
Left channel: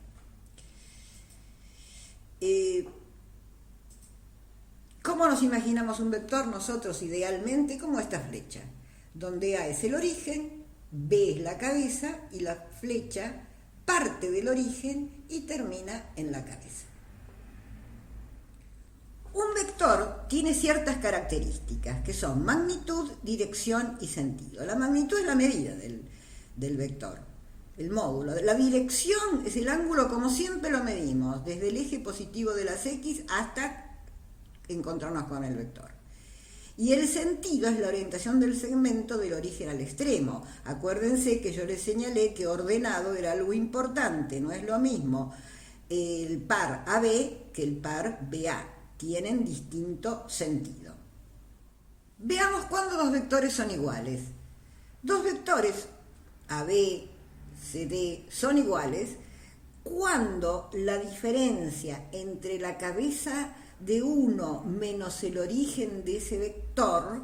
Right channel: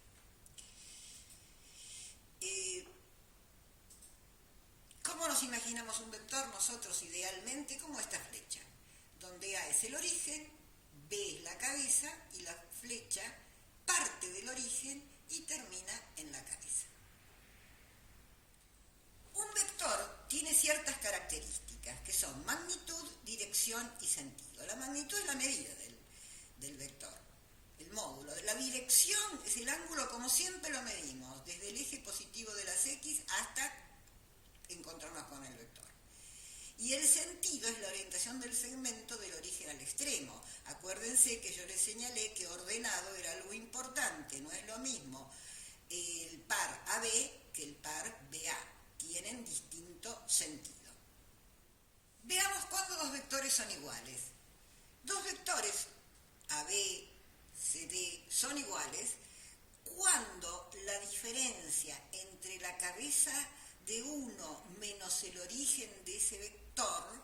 ¿Cómo nos imaginamos un vector nosotros idealmente? Como esta flecha, donde A es el origen, B es la cabeza y la flecha parte del origen y termina en la cabeza. Un vector tiene ciertas características que son magnitud, dirección y sentido. La magnitud es la medida del vector, el módulo. La dirección es el ángulo como siempre lo medimos, desde el eje positivo de las X hasta encontrarnos con el vector. Y el sentido es la orientación del segmento del origen al extremo. Acuérdense que yo les señalé que ordenado era algo importante, no es lo mismo el par AB que el par BA. Tienen distinto sentido. Veamos cuándo dos vectores son iguales. Dos vectores AB, CD son iguales cuando la diferencia entre la cabeza de uno menos el origen de ese vector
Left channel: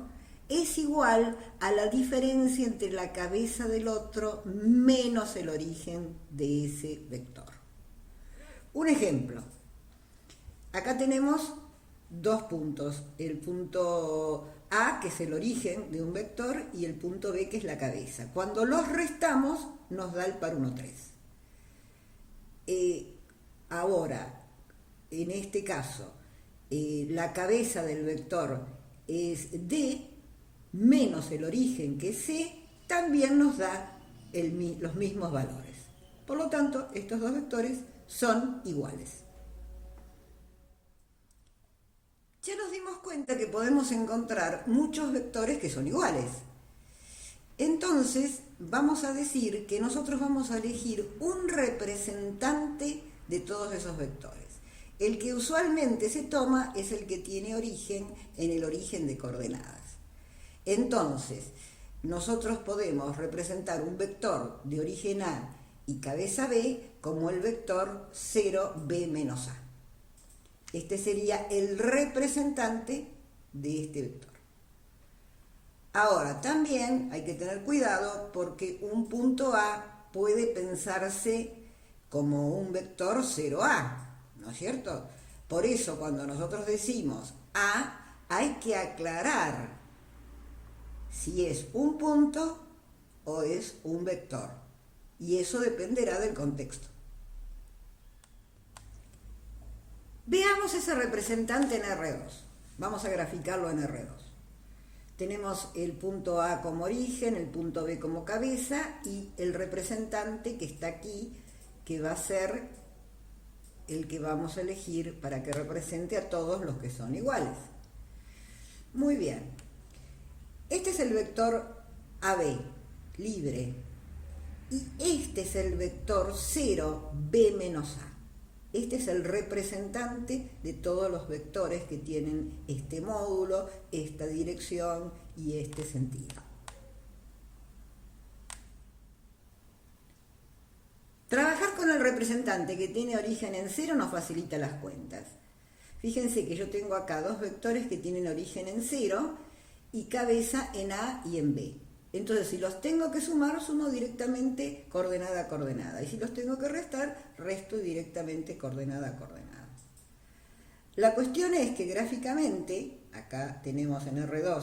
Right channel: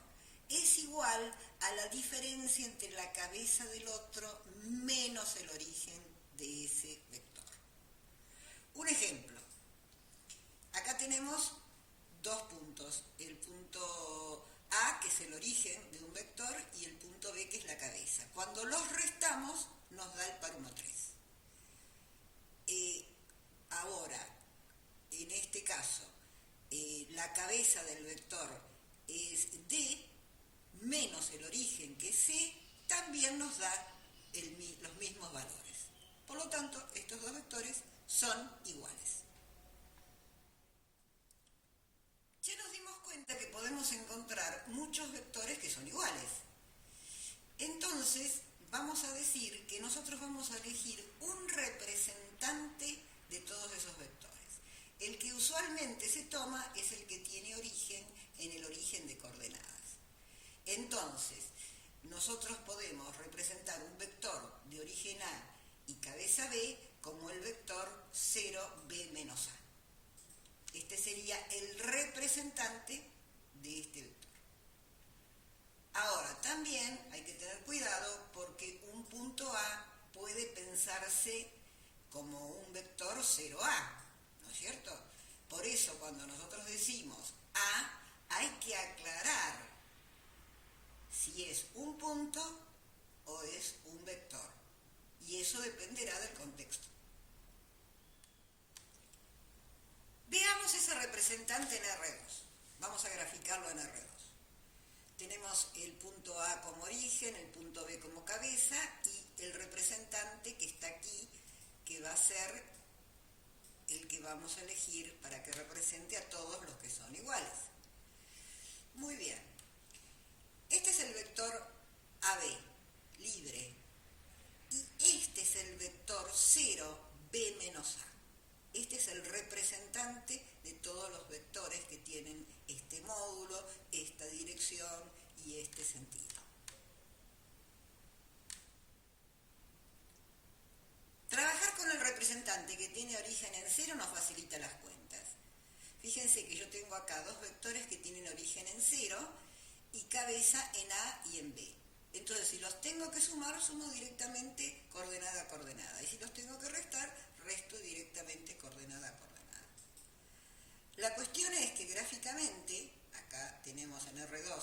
es igual a la diferencia entre la cabeza del otro menos el origen de ese vector. Un ejemplo. Acá tenemos dos puntos, el punto A, que es el origen de un vector, y el punto B, que es la cabeza. Cuando los restamos, nos da el par 1, 3. Ahora, en este caso, la cabeza del vector es D, menos el origen, que es C, también nos da los mismos valores. Por lo tanto, estos dos vectores son iguales. Ya nos dimos cuenta que podemos encontrar muchos vectores que son iguales. Entonces, vamos a decir que nosotros vamos a elegir un representante de todos esos vectores. El que usualmente se toma es el que tiene origen en el origen de coordenadas. Entonces, nosotros podemos representar un vector de origen A y cabeza B como el vector 0b menos A. Este sería el representante de este vector. Ahora, también hay que tener cuidado porque un punto A puede pensarse como un vector 0A, ¿no es cierto? Por eso, cuando nosotros decimos A, hay que aclarar si es un punto o es un vector. Y eso dependerá del contexto. Veamos ese representante en R2. Vamos a graficarlo en R2. Tenemos el punto A como origen, el punto B como cabeza y el representante que está aquí, que va a ser el que vamos a elegir para que represente a todos los que son iguales. Muy bien. Este es el vector AB, libre. Y este es el vector 0b menos A. Este es el representante de todos los vectores que tienen este módulo, esta dirección y este sentido. Trabajar con el representante que tiene origen en 0 nos facilita las cuentas. Fíjense que yo tengo acá dos vectores que tienen origen en 0 y cabeza en A y en B. Entonces, si los tengo que sumar, sumo directamente coordenada a coordenada. Y si los tengo que restar, resto directamente coordenada a coordenada. La cuestión es que gráficamente, acá tenemos en R2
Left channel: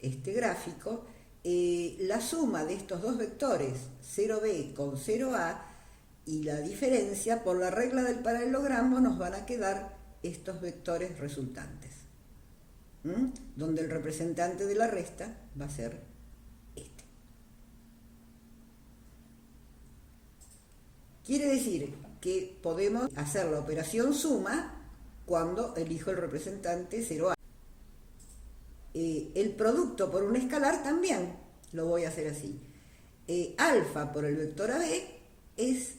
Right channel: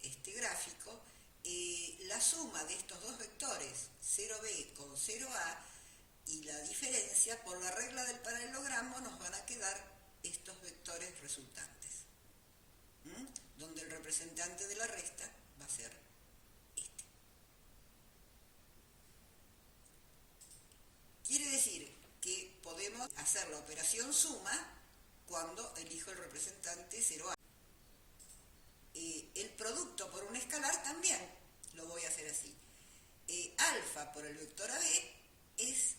este gráfico, la suma de estos dos vectores, 0b con 0a, y la diferencia, por la regla del paralelogramo, nos van a quedar estos vectores resultantes. Donde el representante de la resta va a ser este. Quiere decir que podemos hacer la operación suma cuando elijo el representante 0A. El producto por un escalar también lo voy a hacer así. Alfa por el vector AB es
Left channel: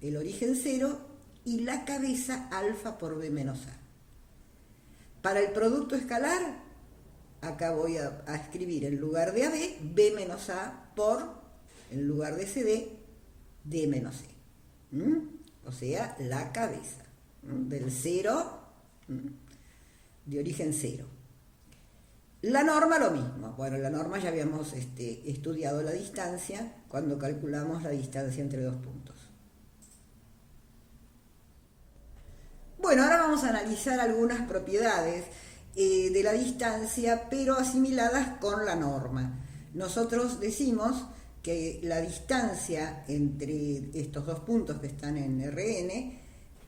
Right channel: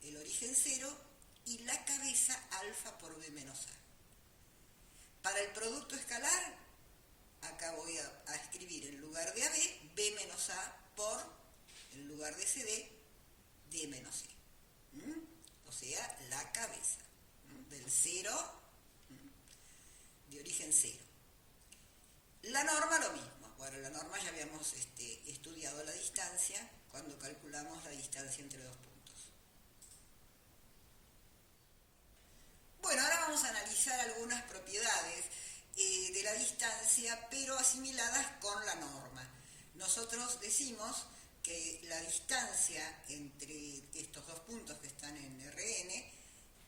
el origen 0 y la cabeza alfa por B menos A. Para el producto escalar, acá voy a escribir en lugar de AB, B menos A por, en lugar de CD, D menos E. O sea, la cabeza del 0, de origen 0. La norma lo mismo. Bueno, la norma ya habíamos estudiado la distancia cuando calculamos la distancia entre dos puntos. Bueno, ahora vamos a analizar algunas propiedades de la distancia, pero asimiladas con la norma. Nosotros decimos que la distancia entre estos dos puntos que están en Rn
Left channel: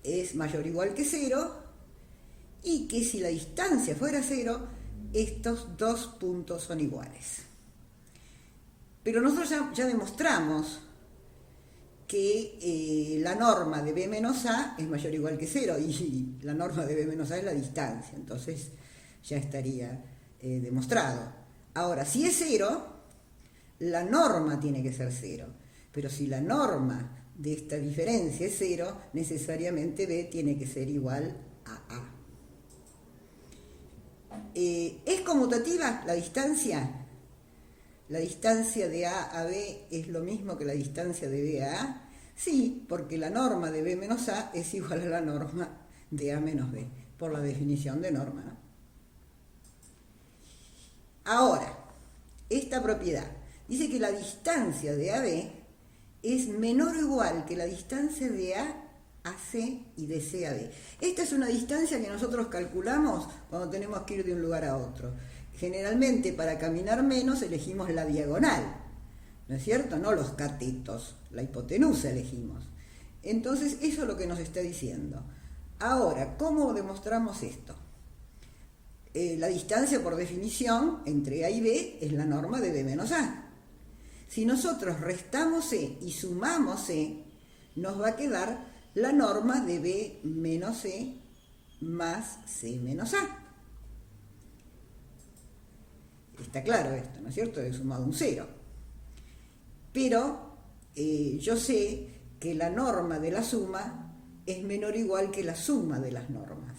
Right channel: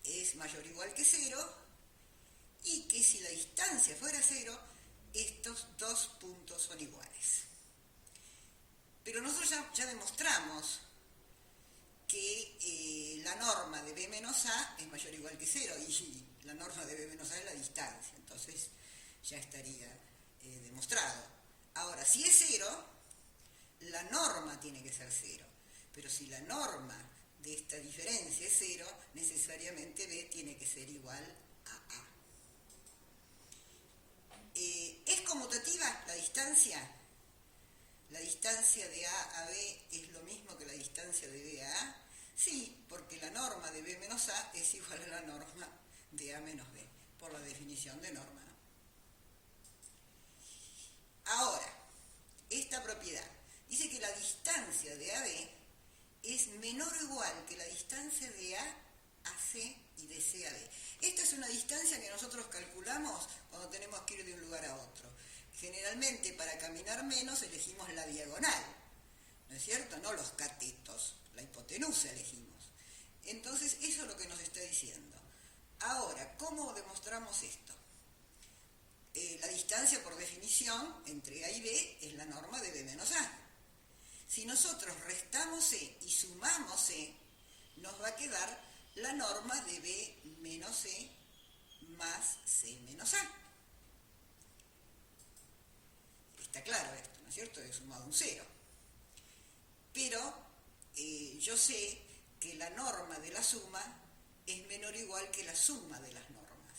es mayor o igual que 0, y que si la distancia fuera 0, estos dos puntos son iguales. Pero nosotros ya demostramos que la norma de B menos A es mayor o igual que 0, y la norma de B menos A es la distancia, entonces ya estaría demostrado. Ahora, si es 0, la norma tiene que ser 0, pero si la norma de esta diferencia es 0, necesariamente B tiene que ser igual a A. ¿Es conmutativa la distancia? ¿La distancia de A a B es lo mismo que la distancia de B a A? Sí, porque la norma de B menos A es igual a la norma de A menos B, por la definición de norma, ¿no? Ahora, esta propiedad dice que la distancia de AB es menor o igual que la distancia de A a C y de C a B. Esta es una distancia que nosotros calculamos cuando tenemos que ir de un lugar a otro. Generalmente, para caminar menos, elegimos la diagonal, ¿no es cierto? No los catetos, la hipotenusa elegimos. Entonces, eso es lo que nos está diciendo. Ahora, ¿cómo demostramos esto? La distancia, por definición, entre A y B es la norma de B menos A. Si nosotros restamos C y sumamos C, nos va a quedar la norma de B menos C más C menos A. Está claro esto, ¿no es cierto? He sumado un 0. Pero yo sé que la norma de la suma es menor o igual que la suma de las normas.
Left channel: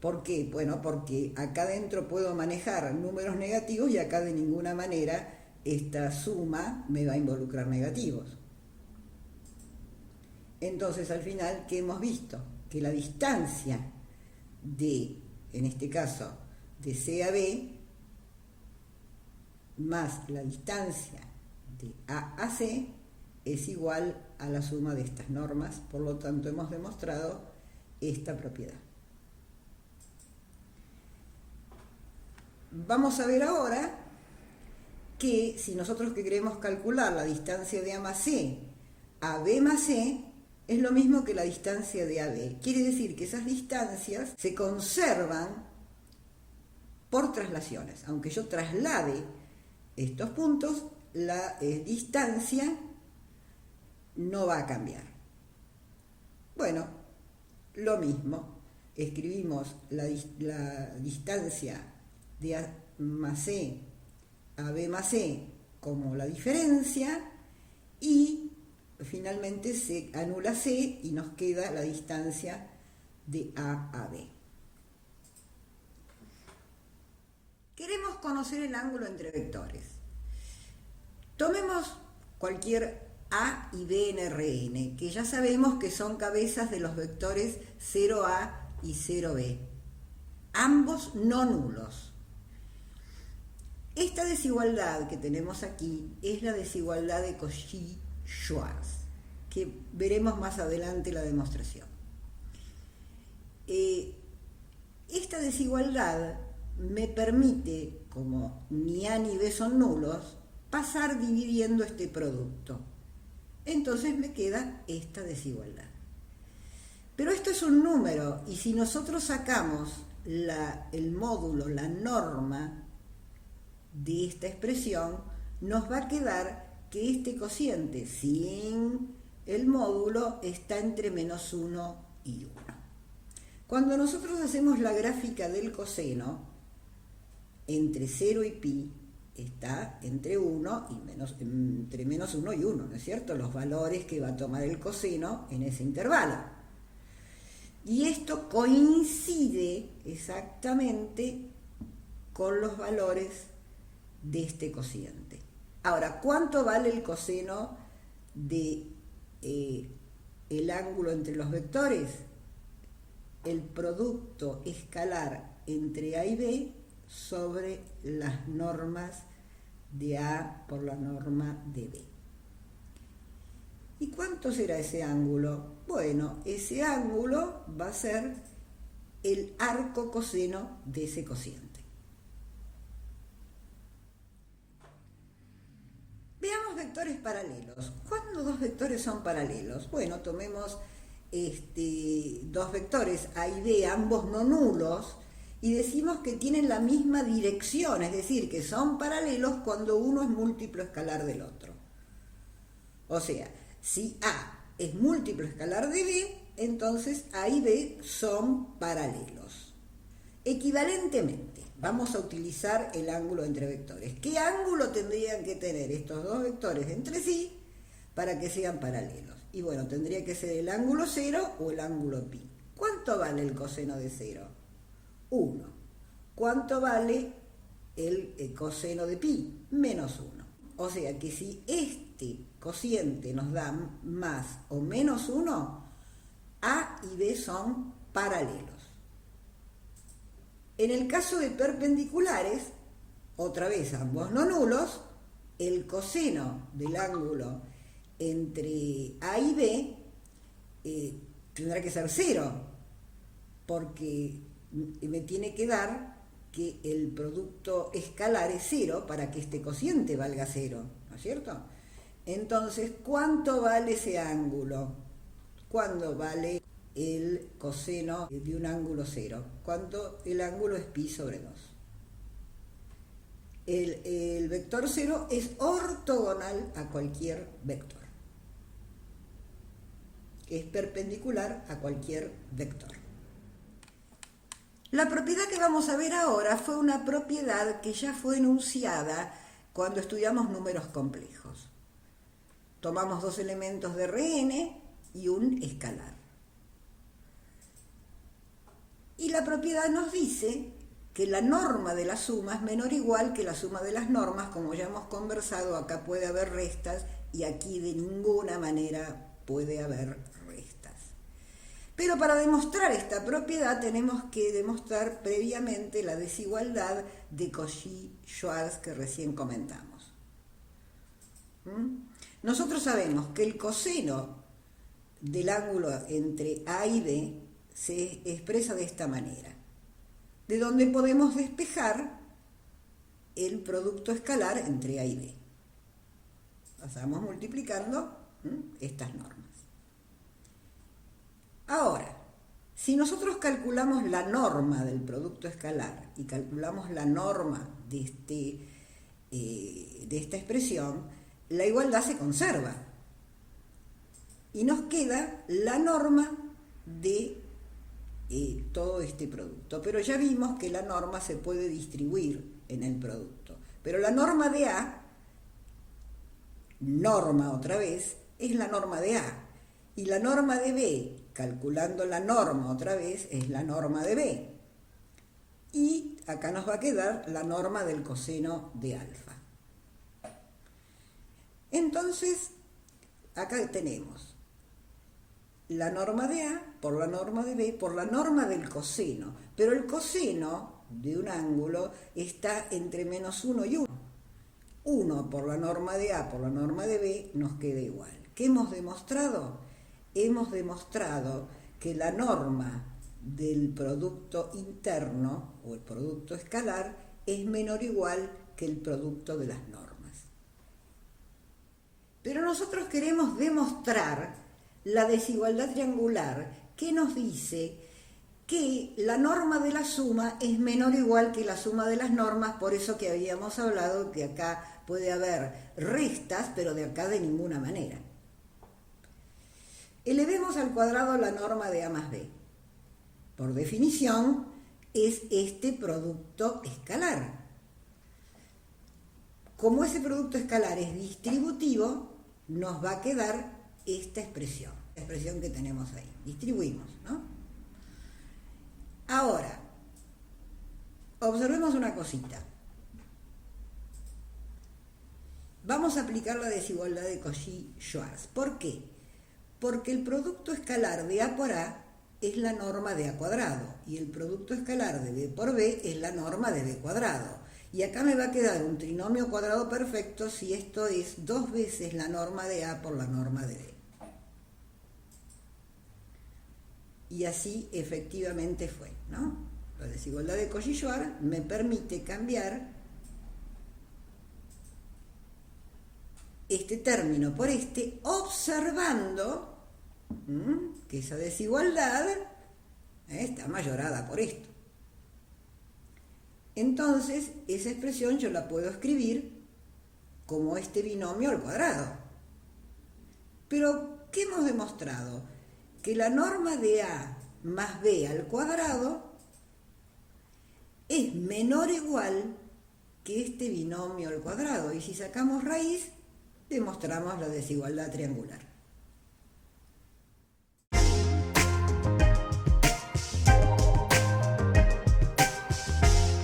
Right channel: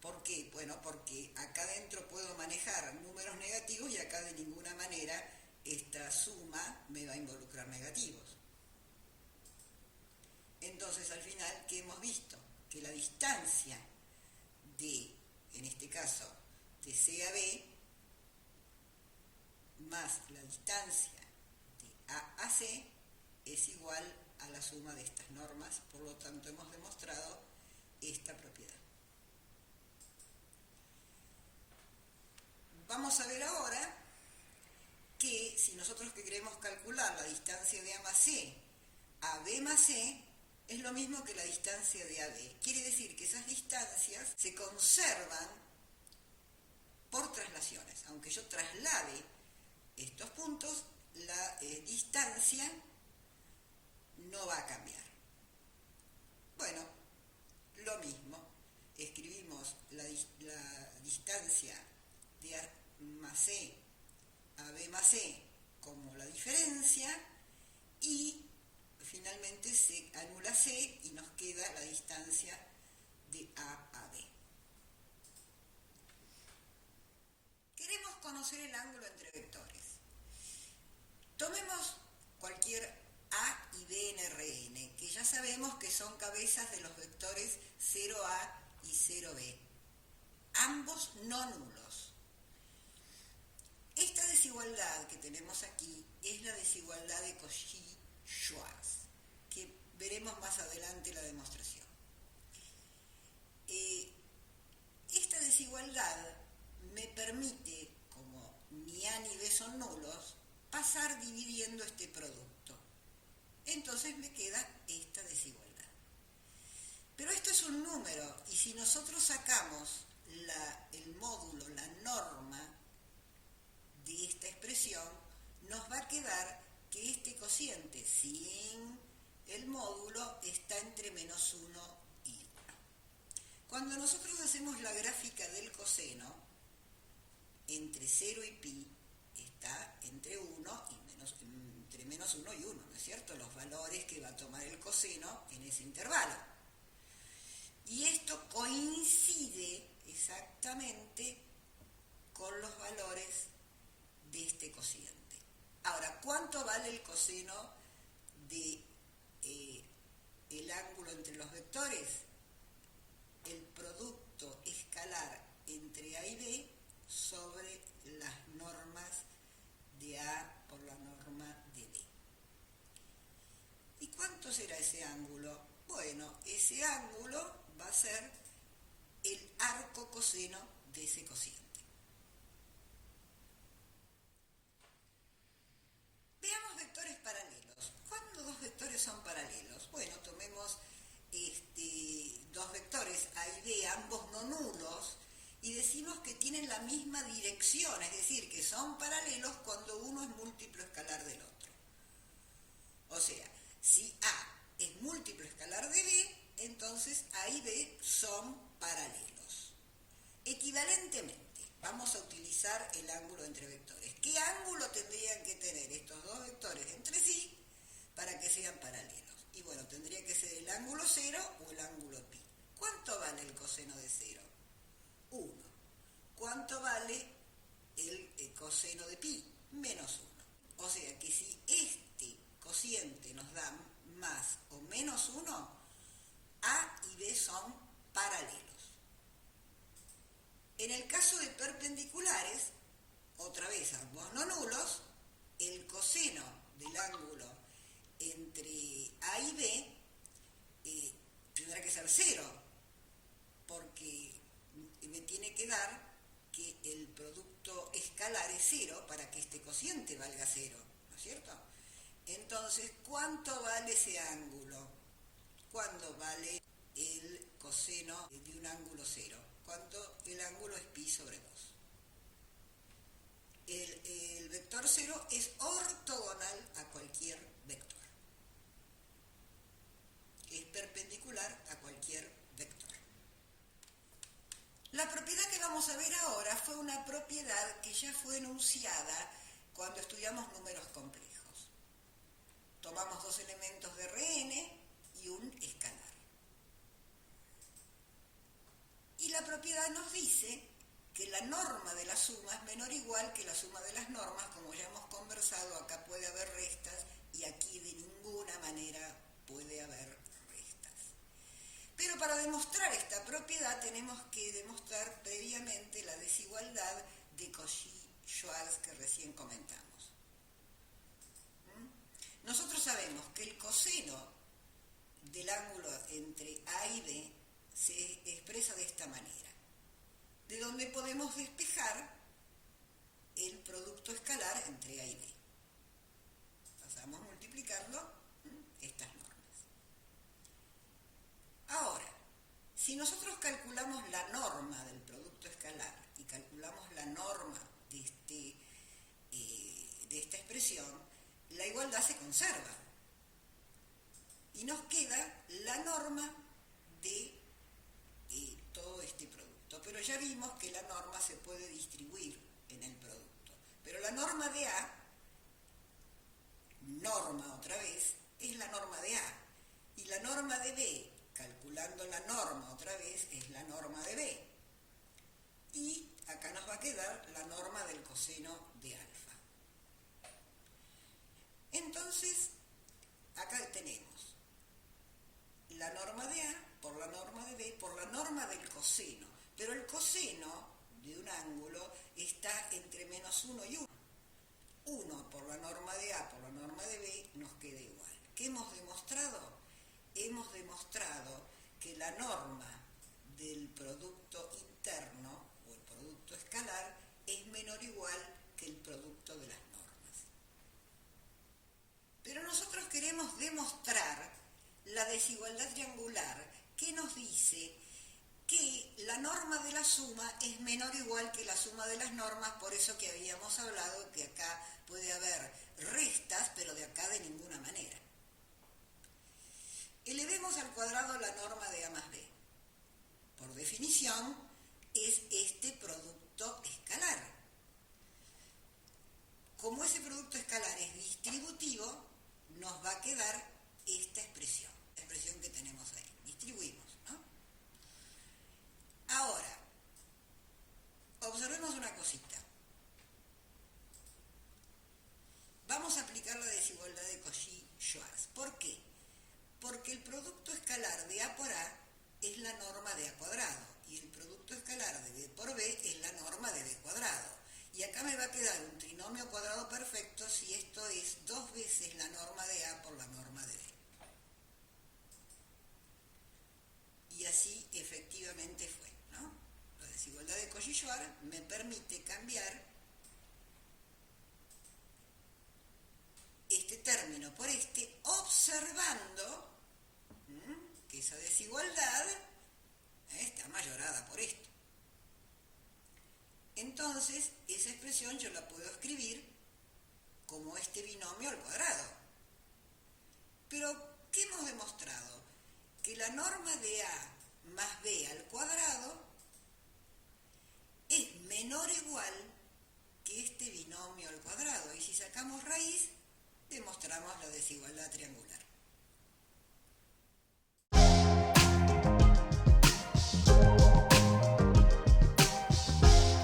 ¿Por qué? Bueno, porque acá adentro puedo manejar números negativos y acá de ninguna manera esta suma me va a involucrar negativos. Entonces, al final, ¿qué hemos visto? Que la distancia de, en este caso, de C a B, más la distancia de A a C, es igual a la suma de estas normas. Por lo tanto, hemos demostrado esta propiedad. Vamos a ver ahora que si nosotros que queremos calcular la distancia de A más C a B más C, es lo mismo que la distancia de AB. Quiere decir que esas distancias se conservan por traslaciones. Aunque yo traslade estos puntos, la distancia no va a cambiar. Bueno, lo mismo. Escribimos la distancia de A más C a B más C como la diferencia, y finalmente se anula C y nos queda la distancia de A a B. Queremos conocer el ángulo entre vectores. Tomemos cualquier A y B en Rn, que ya sabemos que son cabezas de los vectores 0A y 0B, ambos no nulos. Esta desigualdad que tenemos aquí es la desigualdad de Cauchy-Schwarz, que veremos más adelante la demostración. Esta desigualdad me permite, como ni A ni B son nulos, pasar dividiendo este producto. Entonces me queda esta desigualdad. Pero esto es un número, y si nosotros sacamos el módulo, la norma de esta expresión, nos va a quedar que este cociente, sin el módulo está entre -1 y 1. Cuando nosotros hacemos la gráfica del coseno, entre 0 y pi está entre 1 y entre -1 y 1, ¿no es cierto? Los valores que va a tomar el coseno en ese intervalo. Y esto coincide exactamente con los valores de este cociente. Ahora, ¿cuánto vale el coseno de el ángulo entre los vectores? El producto escalar entre A y B sobre las normas de A por la norma de B. ¿Y cuánto será ese ángulo? Bueno, ese ángulo va a ser el arco coseno de ese cociente. Veamos vectores paralelos. ¿Cuándo dos vectores son paralelos? Bueno, tomemos dos vectores A y B, ambos no nulos, y decimos que tienen la misma dirección, es decir, que son paralelos cuando uno es múltiplo escalar del otro. O sea, si A es múltiplo escalar de B, entonces A y B son paralelos. Equivalentemente, vamos a utilizar el ángulo entre vectores. ¿Qué ángulo tendrían que tener estos dos vectores entre sí para que sean paralelos? Y bueno, tendría que ser el ángulo 0 o el ángulo pi. ¿Cuánto vale el coseno de 0? 1. ¿Cuánto vale el coseno de pi? -1. O sea que si este cociente nos da más o -1, A y B son paralelos. En el caso de perpendiculares, otra vez ambos no nulos, el coseno del ángulo entre A y B tendrá que ser 0, porque me tiene que dar que el producto escalar es 0 para que este cociente valga 0, ¿no es cierto? Entonces, ¿cuánto vale ese ángulo? ¿Cuánto vale el coseno de un ángulo 0? ¿Cuánto? El ángulo es pi sobre 2. El vector 0 es ortogonal a cualquier vector. Es perpendicular a cualquier vector. La propiedad que vamos a ver ahora fue una propiedad que ya fue enunciada cuando estudiamos números complejos. Tomamos dos elementos de Rn y un escalar. Y la propiedad nos dice que la norma de la suma es menor o igual que la suma de las normas. Como ya hemos conversado, acá puede haber restas y aquí de ninguna manera puede haber restas. Pero para demostrar esta propiedad tenemos que demostrar previamente la desigualdad de Cauchy-Schwarz que recién comentamos. Nosotros sabemos que el coseno del ángulo entre A y B se expresa de esta manera, de donde podemos despejar el producto escalar entre A y B. Pasamos multiplicando estas normas. Ahora, si nosotros calculamos la norma del producto escalar y calculamos la norma de esta expresión, la igualdad se conserva y nos queda la norma de todo este producto. Pero ya vimos que la norma se puede distribuir en el producto. Pero la norma de A, norma otra vez, es la norma de A. Y la norma de B, calculando la norma otra vez, es la norma de B. Y acá nos va a quedar la norma del coseno de alfa. Entonces, acá tenemos la norma de A por la norma de B por la norma del coseno. Pero el coseno de un ángulo está entre -1 y 1. 1 por la norma de A por la norma de B nos queda igual. ¿Qué hemos demostrado? Hemos demostrado que la norma del producto interno o el producto escalar es menor o igual que el producto de las normas. Pero nosotros queremos demostrar la desigualdad triangular que nos dice que la norma de la suma es menor o igual que la suma de las normas, por eso que habíamos hablado que acá puede haber restas, pero de acá de ninguna manera. Elevemos al cuadrado la norma de A más B. Por definición, es este producto escalar. Como ese producto escalar es distributivo, nos va a quedar esta expresión, la expresión que tenemos ahí. Distribuimos, ¿no? Ahora, observemos una cosita. Vamos a aplicar la desigualdad de Cauchy-Schwarz. ¿Por qué? Porque el producto escalar de A por A es la norma de A cuadrado y el producto escalar de B por B es la norma de B cuadrado. Y acá me va a quedar un trinomio cuadrado perfecto si esto es 2 veces la norma de A por la norma de B. Y así efectivamente fue, ¿no? La desigualdad de Cauchy-Schwarz me permite cambiar este término por este, observando que esa desigualdad está mayorada por esto. Entonces, esa expresión yo la puedo escribir como este binomio al cuadrado. Pero, ¿qué hemos demostrado? Que la norma de A más B al cuadrado es menor o igual que este binomio al cuadrado. Y si sacamos raíz, demostramos la desigualdad triangular.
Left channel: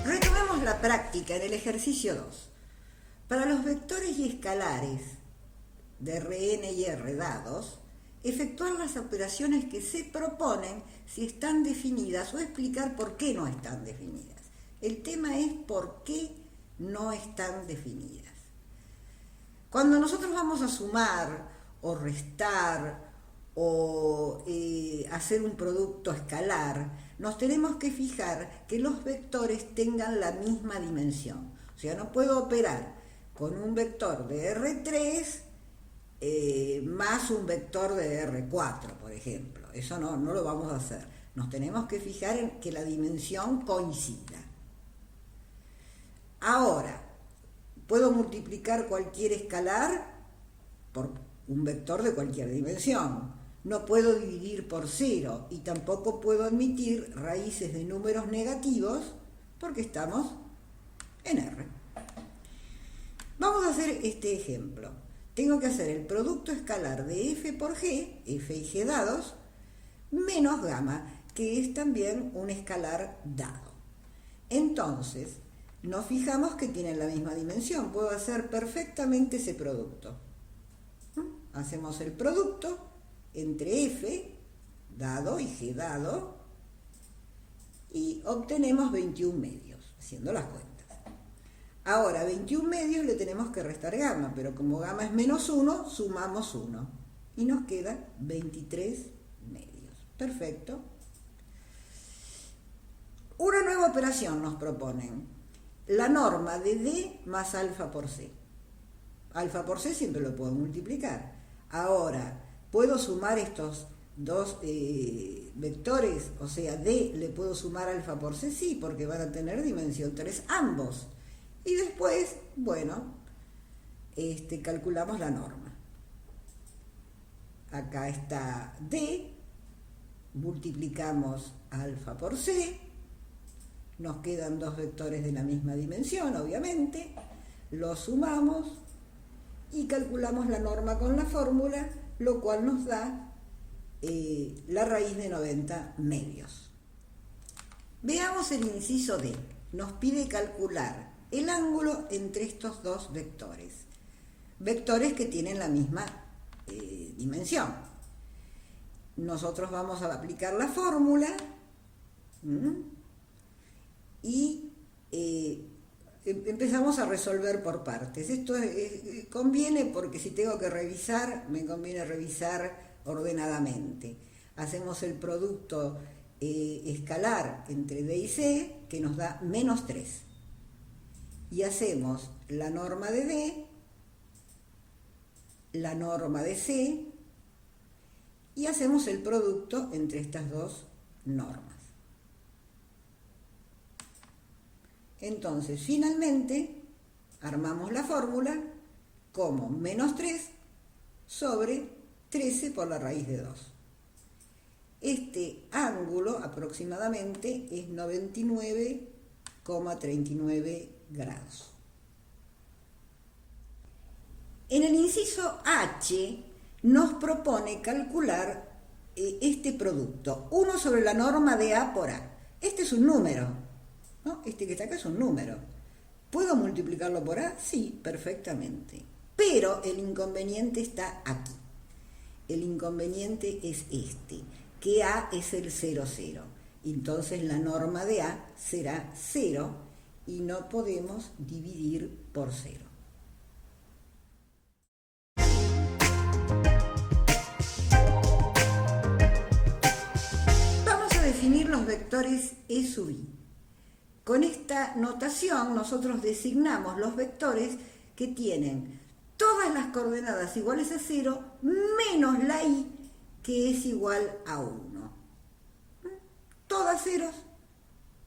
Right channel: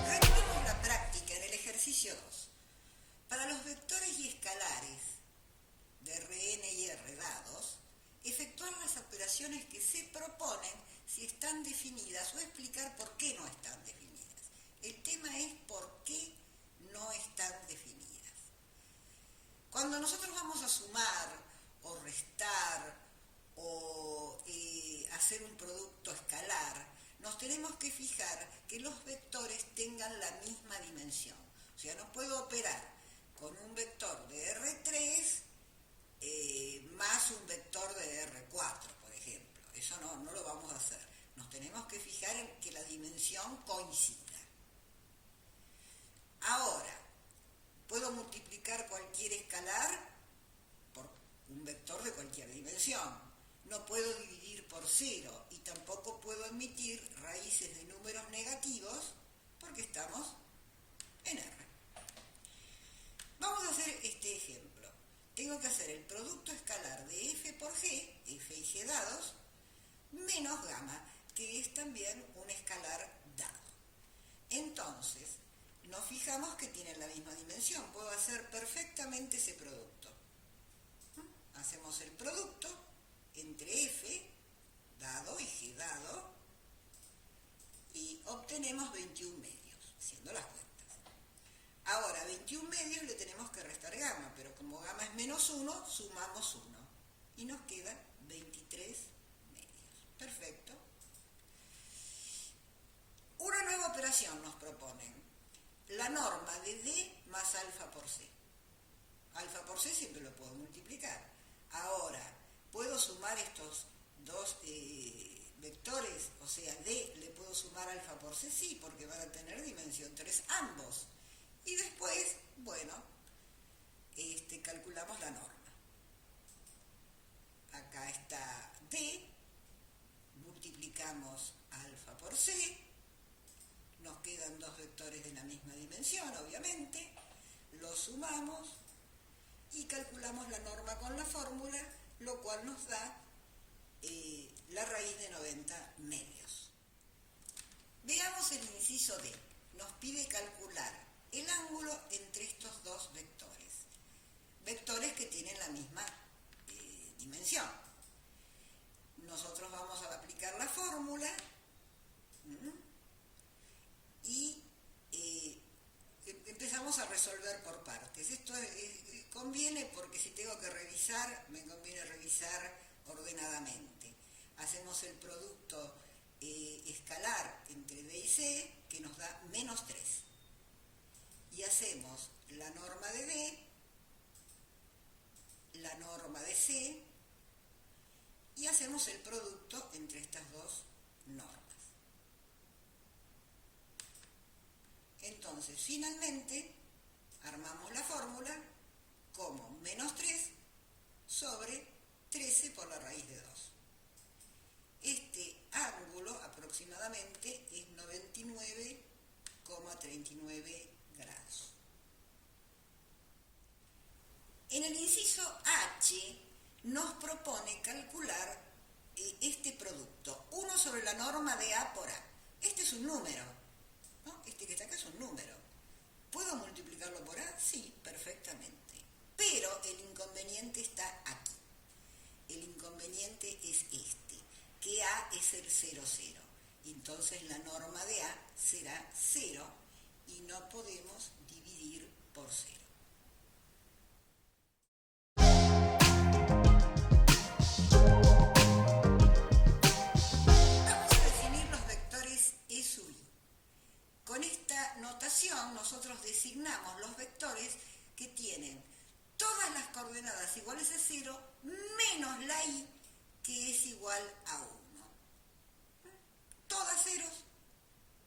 Retomemos la práctica en el ejercicio 2. Para los vectores y escalares de Rn y R dados, efectuar las operaciones que se proponen si están definidas o explicar por qué no están definidas. El tema es por qué no están definidas. Cuando nosotros vamos a sumar o restar o hacer un producto escalar, nos tenemos que fijar que los vectores tengan la misma dimensión. O sea, no puedo operar con un vector de R3 más un vector de R4, por ejemplo. Eso no lo vamos a hacer. Nos tenemos que fijar en que la dimensión coincida. Ahora, puedo multiplicar cualquier escalar por un vector de cualquier dimensión. No puedo dividir por 0 y tampoco puedo admitir raíces de números negativos porque estamos en R. Vamos a hacer este ejemplo. Tengo que hacer el producto escalar de f por g, f y g dados, menos gamma, que es también un escalar dado. Entonces, nos fijamos que tienen la misma dimensión. Puedo hacer perfectamente ese producto. Hacemos el producto entre f dado y g dado y obtenemos 21 medios, haciendo las cuentas. Ahora, 21 medios le tenemos que restar gamma, pero como gamma es menos 1, sumamos 1 y nos queda 23 medios. Perfecto. Una nueva operación nos proponen. La norma de D más alfa por C. Alfa por C siempre lo puedo multiplicar. Ahora, ¿puedo sumar estos dos vectores? O sea, D le puedo sumar alfa por C, sí, porque van a tener dimensión 3 ambos. Y después, bueno, calculamos la norma. Acá está D, multiplicamos alfa por C, nos quedan dos vectores de la misma dimensión, obviamente, los sumamos y calculamos la norma con la fórmula, lo cual nos da la raíz de 90 medios. Veamos el inciso D. Nos pide calcular el ángulo entre estos dos vectores. Vectores que tienen la misma dimensión. Nosotros vamos a aplicar la fórmula y empezamos a resolver por partes. Esto conviene porque si tengo que revisar, me conviene revisar ordenadamente. Hacemos el producto escalar entre D y C, que nos da menos 3. Y hacemos la norma de D, la norma de C, y hacemos el producto entre estas dos normas. Entonces, finalmente, armamos la fórmula como menos 3 sobre 13 por la raíz de 2. Este ángulo aproximadamente es 99,39 grados. En el inciso H nos propone calcular este producto, 1 sobre la norma de A por A. Este es un número, ¿no? Este que está acá es un número. ¿Puedo multiplicarlo por A? Sí, perfectamente. Pero el inconveniente está aquí. El inconveniente es este, que A es el 0, 0. Entonces la norma de A será 0 y no podemos dividir por 0. Vamos a definir los vectores E sub I. Con esta notación nosotros designamos los vectores que tienen todas las coordenadas iguales a 0 menos la I que es igual a 1. Todas ceros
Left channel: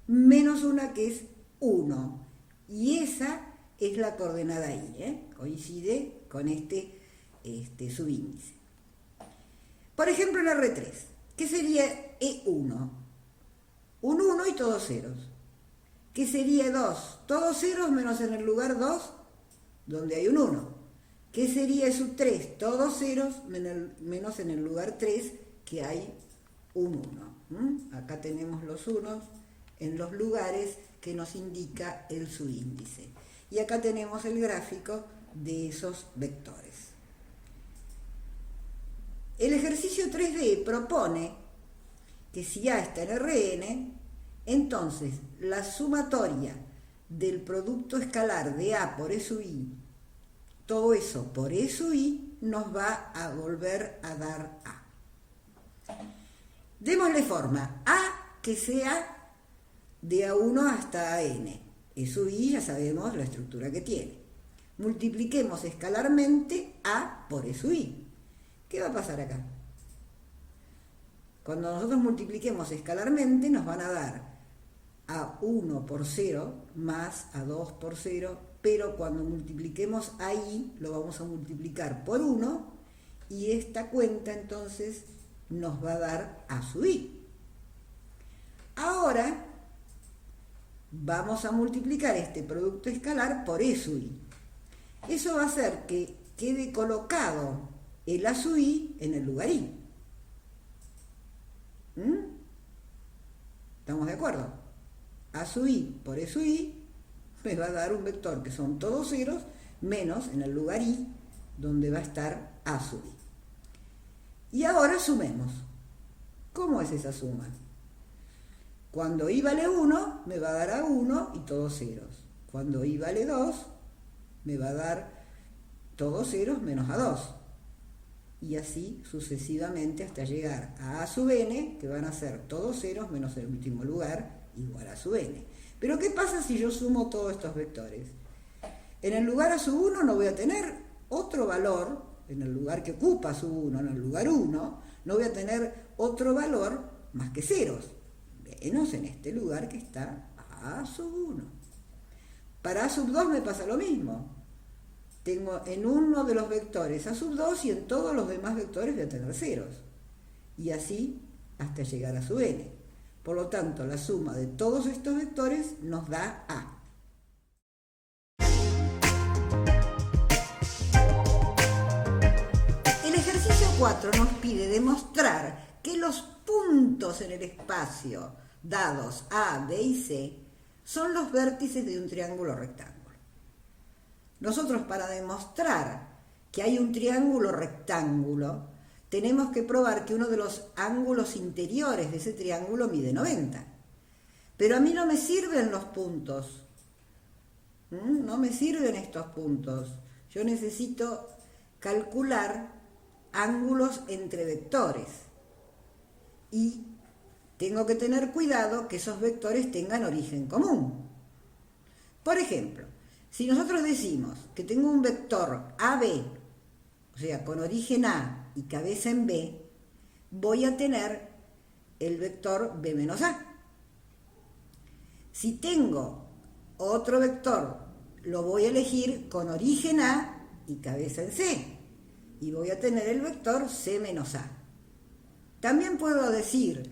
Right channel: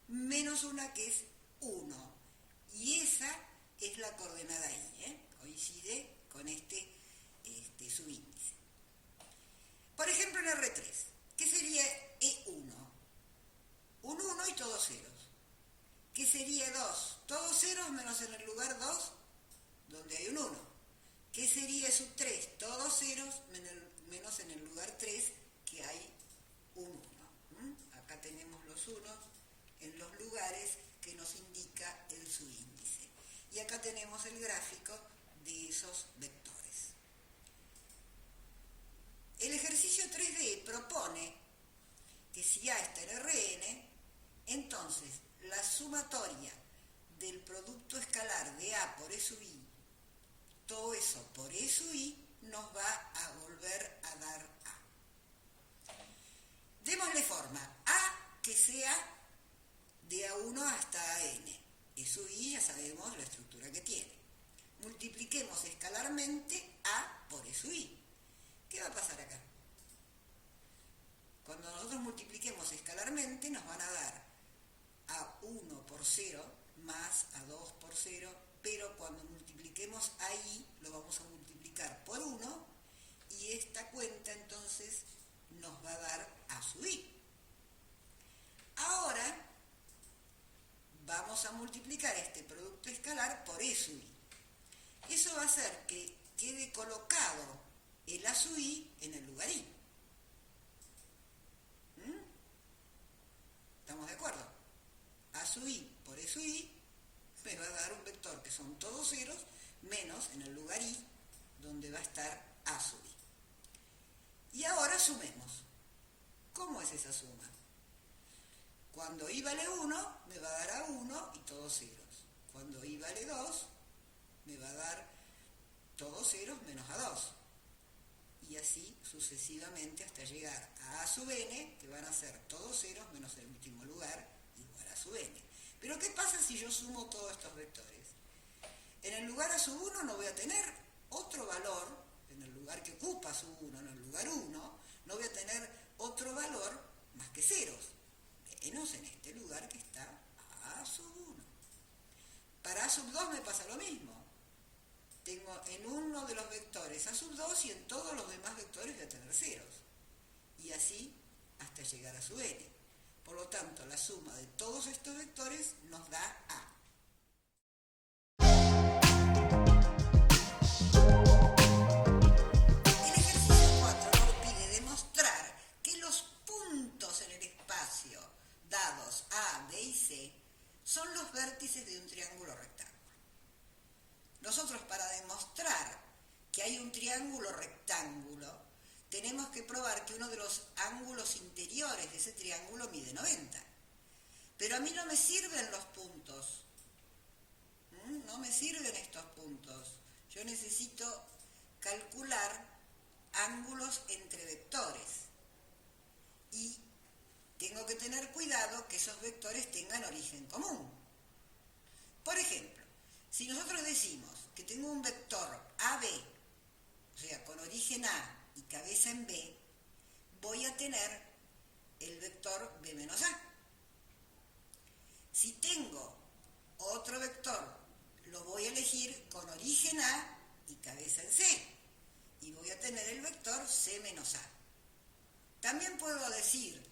menos una que es 1. Y esa es la coordenada I, coincide con este subíndice. Por ejemplo, en R3, ¿qué sería E1? Un 1 y todos ceros. ¿Qué sería 2? Todos ceros menos en el lugar 2, donde hay un 1. ¿Qué sería E sub 3? Todos ceros menos en el lugar 3, que hay un 1. Acá tenemos los unos en los lugares que nos indica el subíndice. Y acá tenemos el gráfico de esos vectores. El ejercicio 3D propone que si A está en Rn, entonces la sumatoria del producto escalar de A por E sub I, todo eso por E sub I, nos va a volver a dar A. Démosle forma, A que sea de A1 hasta AN. E sub I ya sabemos la estructura que tiene. Multipliquemos escalarmente A por E sub I. ¿Qué va a pasar acá? Cuando nosotros multipliquemos escalarmente nos van a dar A1 por 0 más A2 por 0, pero cuando multipliquemos a I lo vamos a multiplicar por 1 y esta cuenta entonces nos va a dar A sub I. Ahora vamos a multiplicar este producto escalar por E sub I. Eso va a hacer que quede colocado el A sub I en el lugar I. ¿Estamos de acuerdo? A sub I por E sub I me va a dar un vector que son todos ceros menos en el lugar I donde va a estar A sub I. Y ahora sumemos. ¿Cómo es esa suma? Cuando I vale 1 me va a dar A1 y todos ceros. Cuando I vale 2 me va a dar todos ceros menos A2. Y así sucesivamente hasta llegar a A sub n, que van a ser todos ceros menos el último lugar, igual a sub n. Pero ¿qué pasa si yo sumo todos estos vectores? En el lugar A sub 1 no voy a tener otro valor, en el lugar que ocupa sub 1, en el lugar 1, no voy a tener otro valor más que ceros, menos en este lugar que está A sub 1. Para A sub 2 me pasa lo mismo. Tengo en uno de los vectores A sub 2 y en todos los demás vectores voy a tener ceros. Y así hasta llegar a sub n. Por lo tanto, la suma de todos estos vectores nos da A. El ejercicio 4 nos pide demostrar que los puntos en el espacio dados A, B y C son los vértices de un triángulo rectángulo. Nosotros para demostrar que hay un triángulo rectángulo, tenemos que probar que uno de los ángulos interiores de ese triángulo mide 90. Pero a mí no me sirven los puntos. No me sirven estos puntos. Yo necesito calcular ángulos entre vectores. Y tengo que tener cuidado que esos vectores tengan origen común. Por ejemplo, si nosotros decimos que tengo un vector AB, o sea, con origen A y cabeza en B, voy a tener el vector B menos A. Si tengo otro vector, lo voy a elegir con origen A y cabeza en C, y voy a tener el vector C menos A. También puedo decir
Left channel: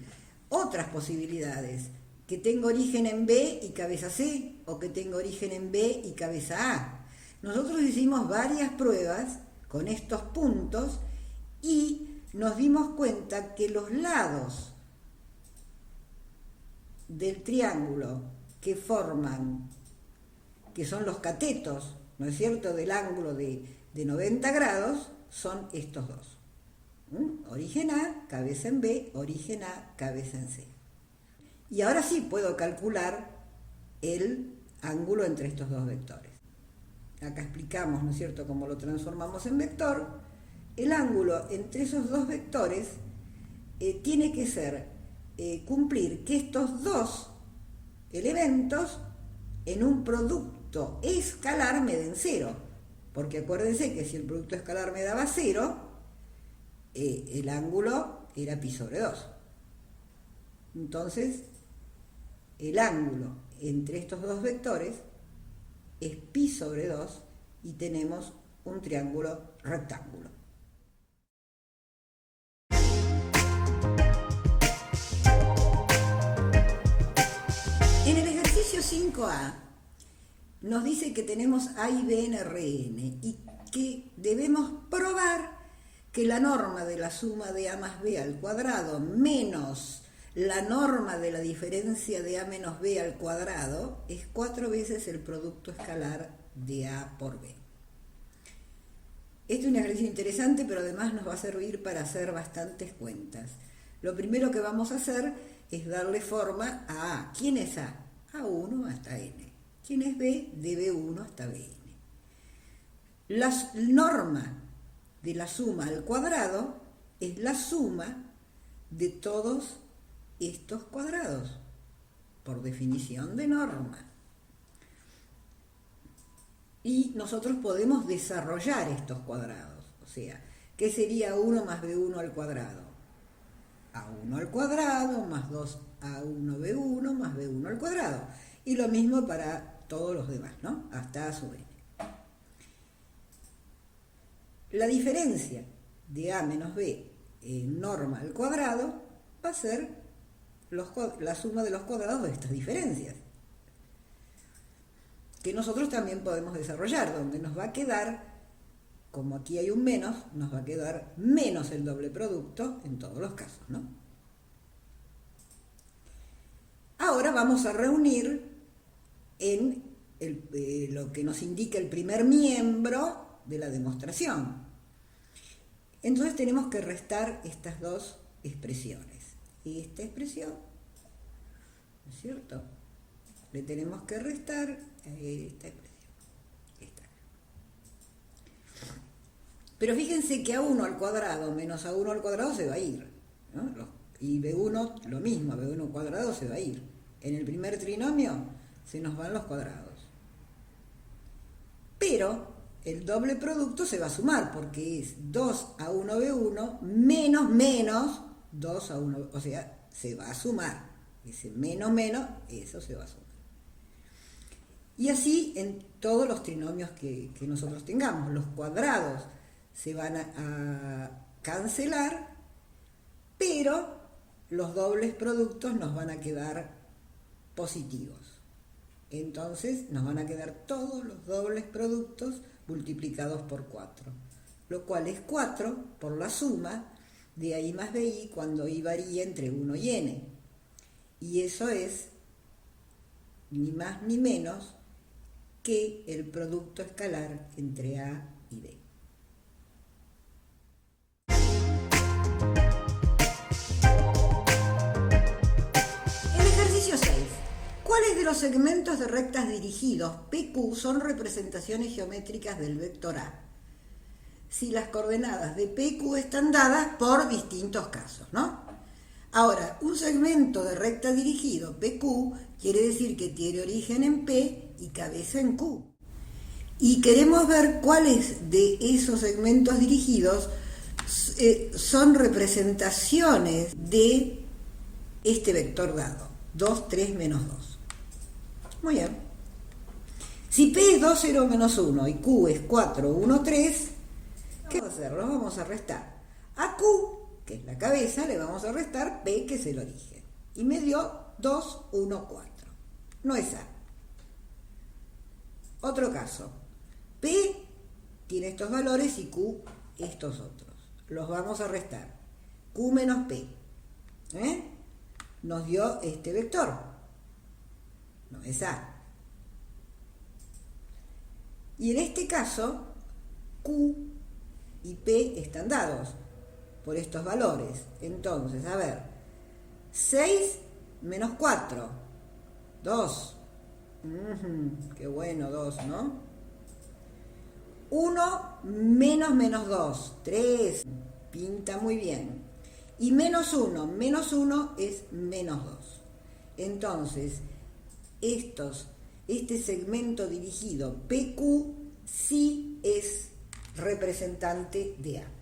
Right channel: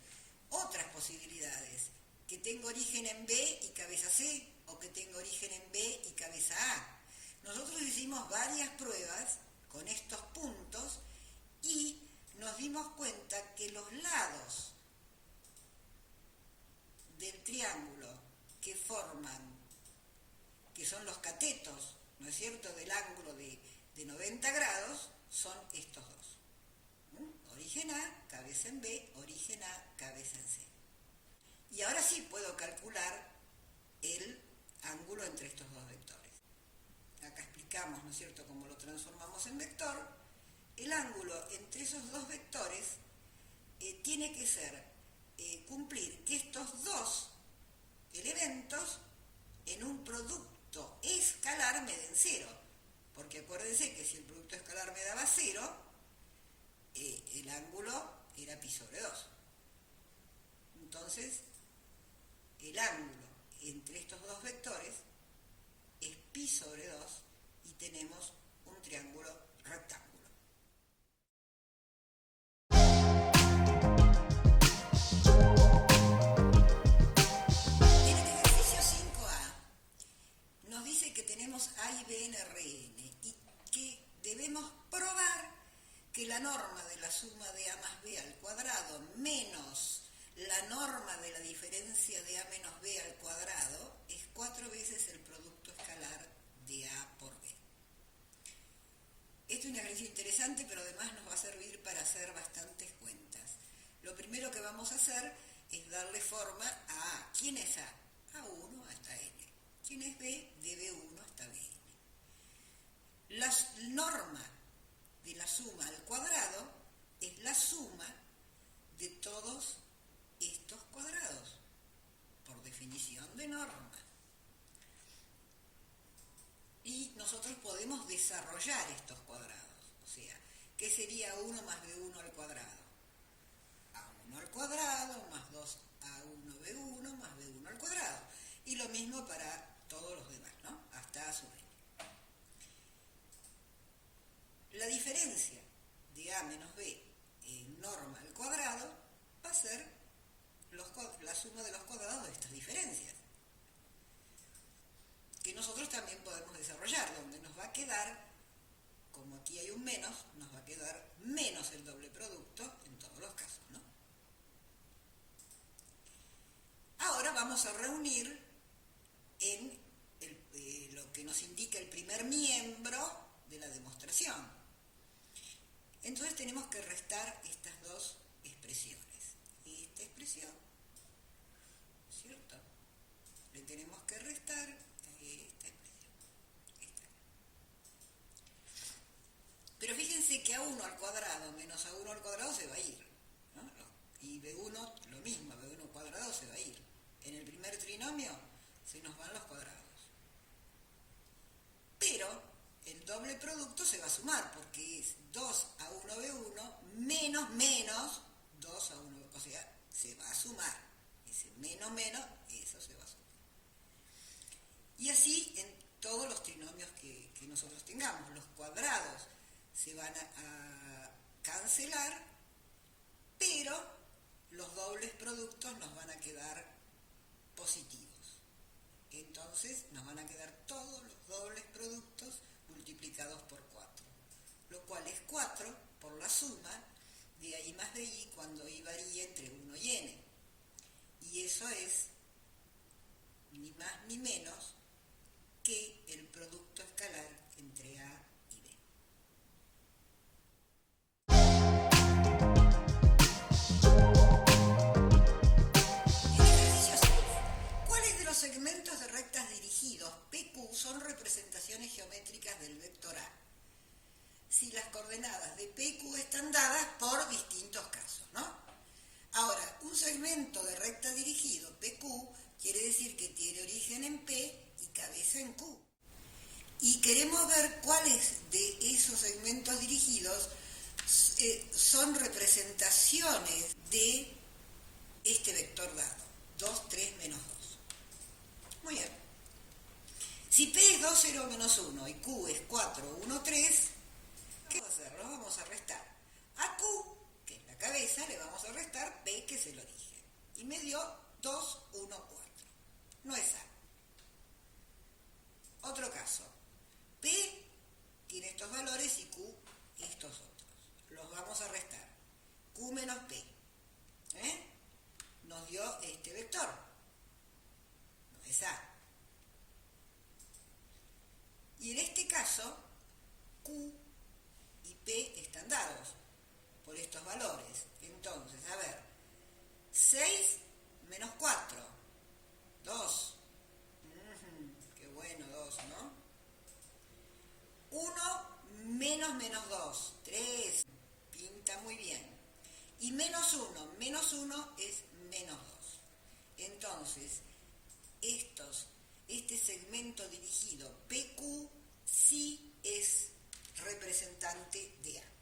otras posibilidades, que tengo origen en B y cabeza C, o que tengo origen en B y cabeza A. Nosotros hicimos varias pruebas con estos puntos y nos dimos cuenta que los lados del triángulo que forman, que son los catetos, ¿no es cierto?, del ángulo de 90 grados, son estos dos. Origen A, cabeza en B, origen A, cabeza en C. Y ahora sí puedo calcular el ángulo entre estos dos vectores. Acá explicamos, ¿no es cierto?, cómo lo transformamos en vector. El ángulo entre esos dos vectores tiene que ser cumplir que estos dos elementos en un producto escalar me den 0. Porque acuérdense que si el producto escalar me daba 0, el ángulo era pi sobre 2. Entonces, el ángulo entre estos dos vectores es pi sobre 2 y tenemos un triángulo rectángulo. En el ejercicio 5A nos dice que tenemos A y B en Rn y que debemos probar que la norma de la suma de A más B al cuadrado menos la norma de la diferencia de A menos B al cuadrado es 4 veces el producto escalar de A por B. Este es un ejercicio interesante, pero además nos va a servir para hacer bastantes cuentas. Lo primero que vamos a hacer es darle forma a A. ¿Quién es A? A1 hasta N. ¿Quién es B? De B1 hasta Bn. La norma de la suma al cuadrado es la suma de todos estos cuadrados, por definición de norma. Y nosotros podemos desarrollar estos cuadrados. O sea, ¿qué sería 1 más B1 al cuadrado? A1 al cuadrado más 2A1B1 más B1 al cuadrado. Y lo mismo para todos los demás, ¿no? Hasta A sub n. La diferencia de A menos B en norma al cuadrado va a ser la suma de los cuadrados de estas diferencias, que nosotros también podemos desarrollar, donde nos va a quedar, como aquí hay un menos, nos va a quedar menos el doble producto en todos los casos, ¿no? Ahora vamos a reunir en lo que nos indica el primer miembro de la demostración. Entonces tenemos que restar estas dos expresiones. Esta expresión, ¿no es cierto? Le tenemos que restar a esta expresión. Esta. Pero fíjense que A1 al cuadrado menos A1 al cuadrado se va a ir, ¿no? Y B1 lo mismo, B1 al cuadrado se va a ir. En el primer trinomio se nos van los cuadrados. Pero el doble producto se va a sumar porque es 2A1B1 menos 2A1, o sea, se va a sumar. Ese menos, eso se va a sumar. Y así en todos los trinomios que nosotros tengamos. Los cuadrados se van a cancelar, pero los dobles productos nos van a quedar positivos. Entonces nos van a quedar todos los dobles productos multiplicados por 4, lo cual es 4 por la suma de A más BI cuando I varía entre 1 y N. Y eso es ni más ni menos que el producto escalar entre A y B. El ejercicio 6. ¿Cuáles de los segmentos de rectas dirigidos PQ son representaciones geométricas del vector A? Si las coordenadas de PQ están dadas por distintos casos, ¿no? Ahora, un segmento de recta dirigido PQ quiere decir que tiene origen en P y cabeza en Q. Y queremos ver cuáles de esos segmentos dirigidos son representaciones de este vector dado, 2, 3, menos 2. Muy bien. Si P es 2, 0, menos 1 y Q es 4, 1, 3, ¿qué vamos a hacer? Lo vamos a restar. A Q que es la cabeza, le vamos a restar P, que es el origen. Y me dio 2, 1, 4. No es A. Otro caso. P tiene estos valores y Q estos otros. Los vamos a restar. Q menos P. Nos dio este vector. No es A. Y en este caso, Q y P están dados por estos valores. Entonces, a ver, 6 menos 4, 2. Qué bueno, 2, ¿no? 1 menos 2, 3. Pinta muy bien. Y menos 1 es menos 2. Entonces, este segmento dirigido PQ sí es representante de A.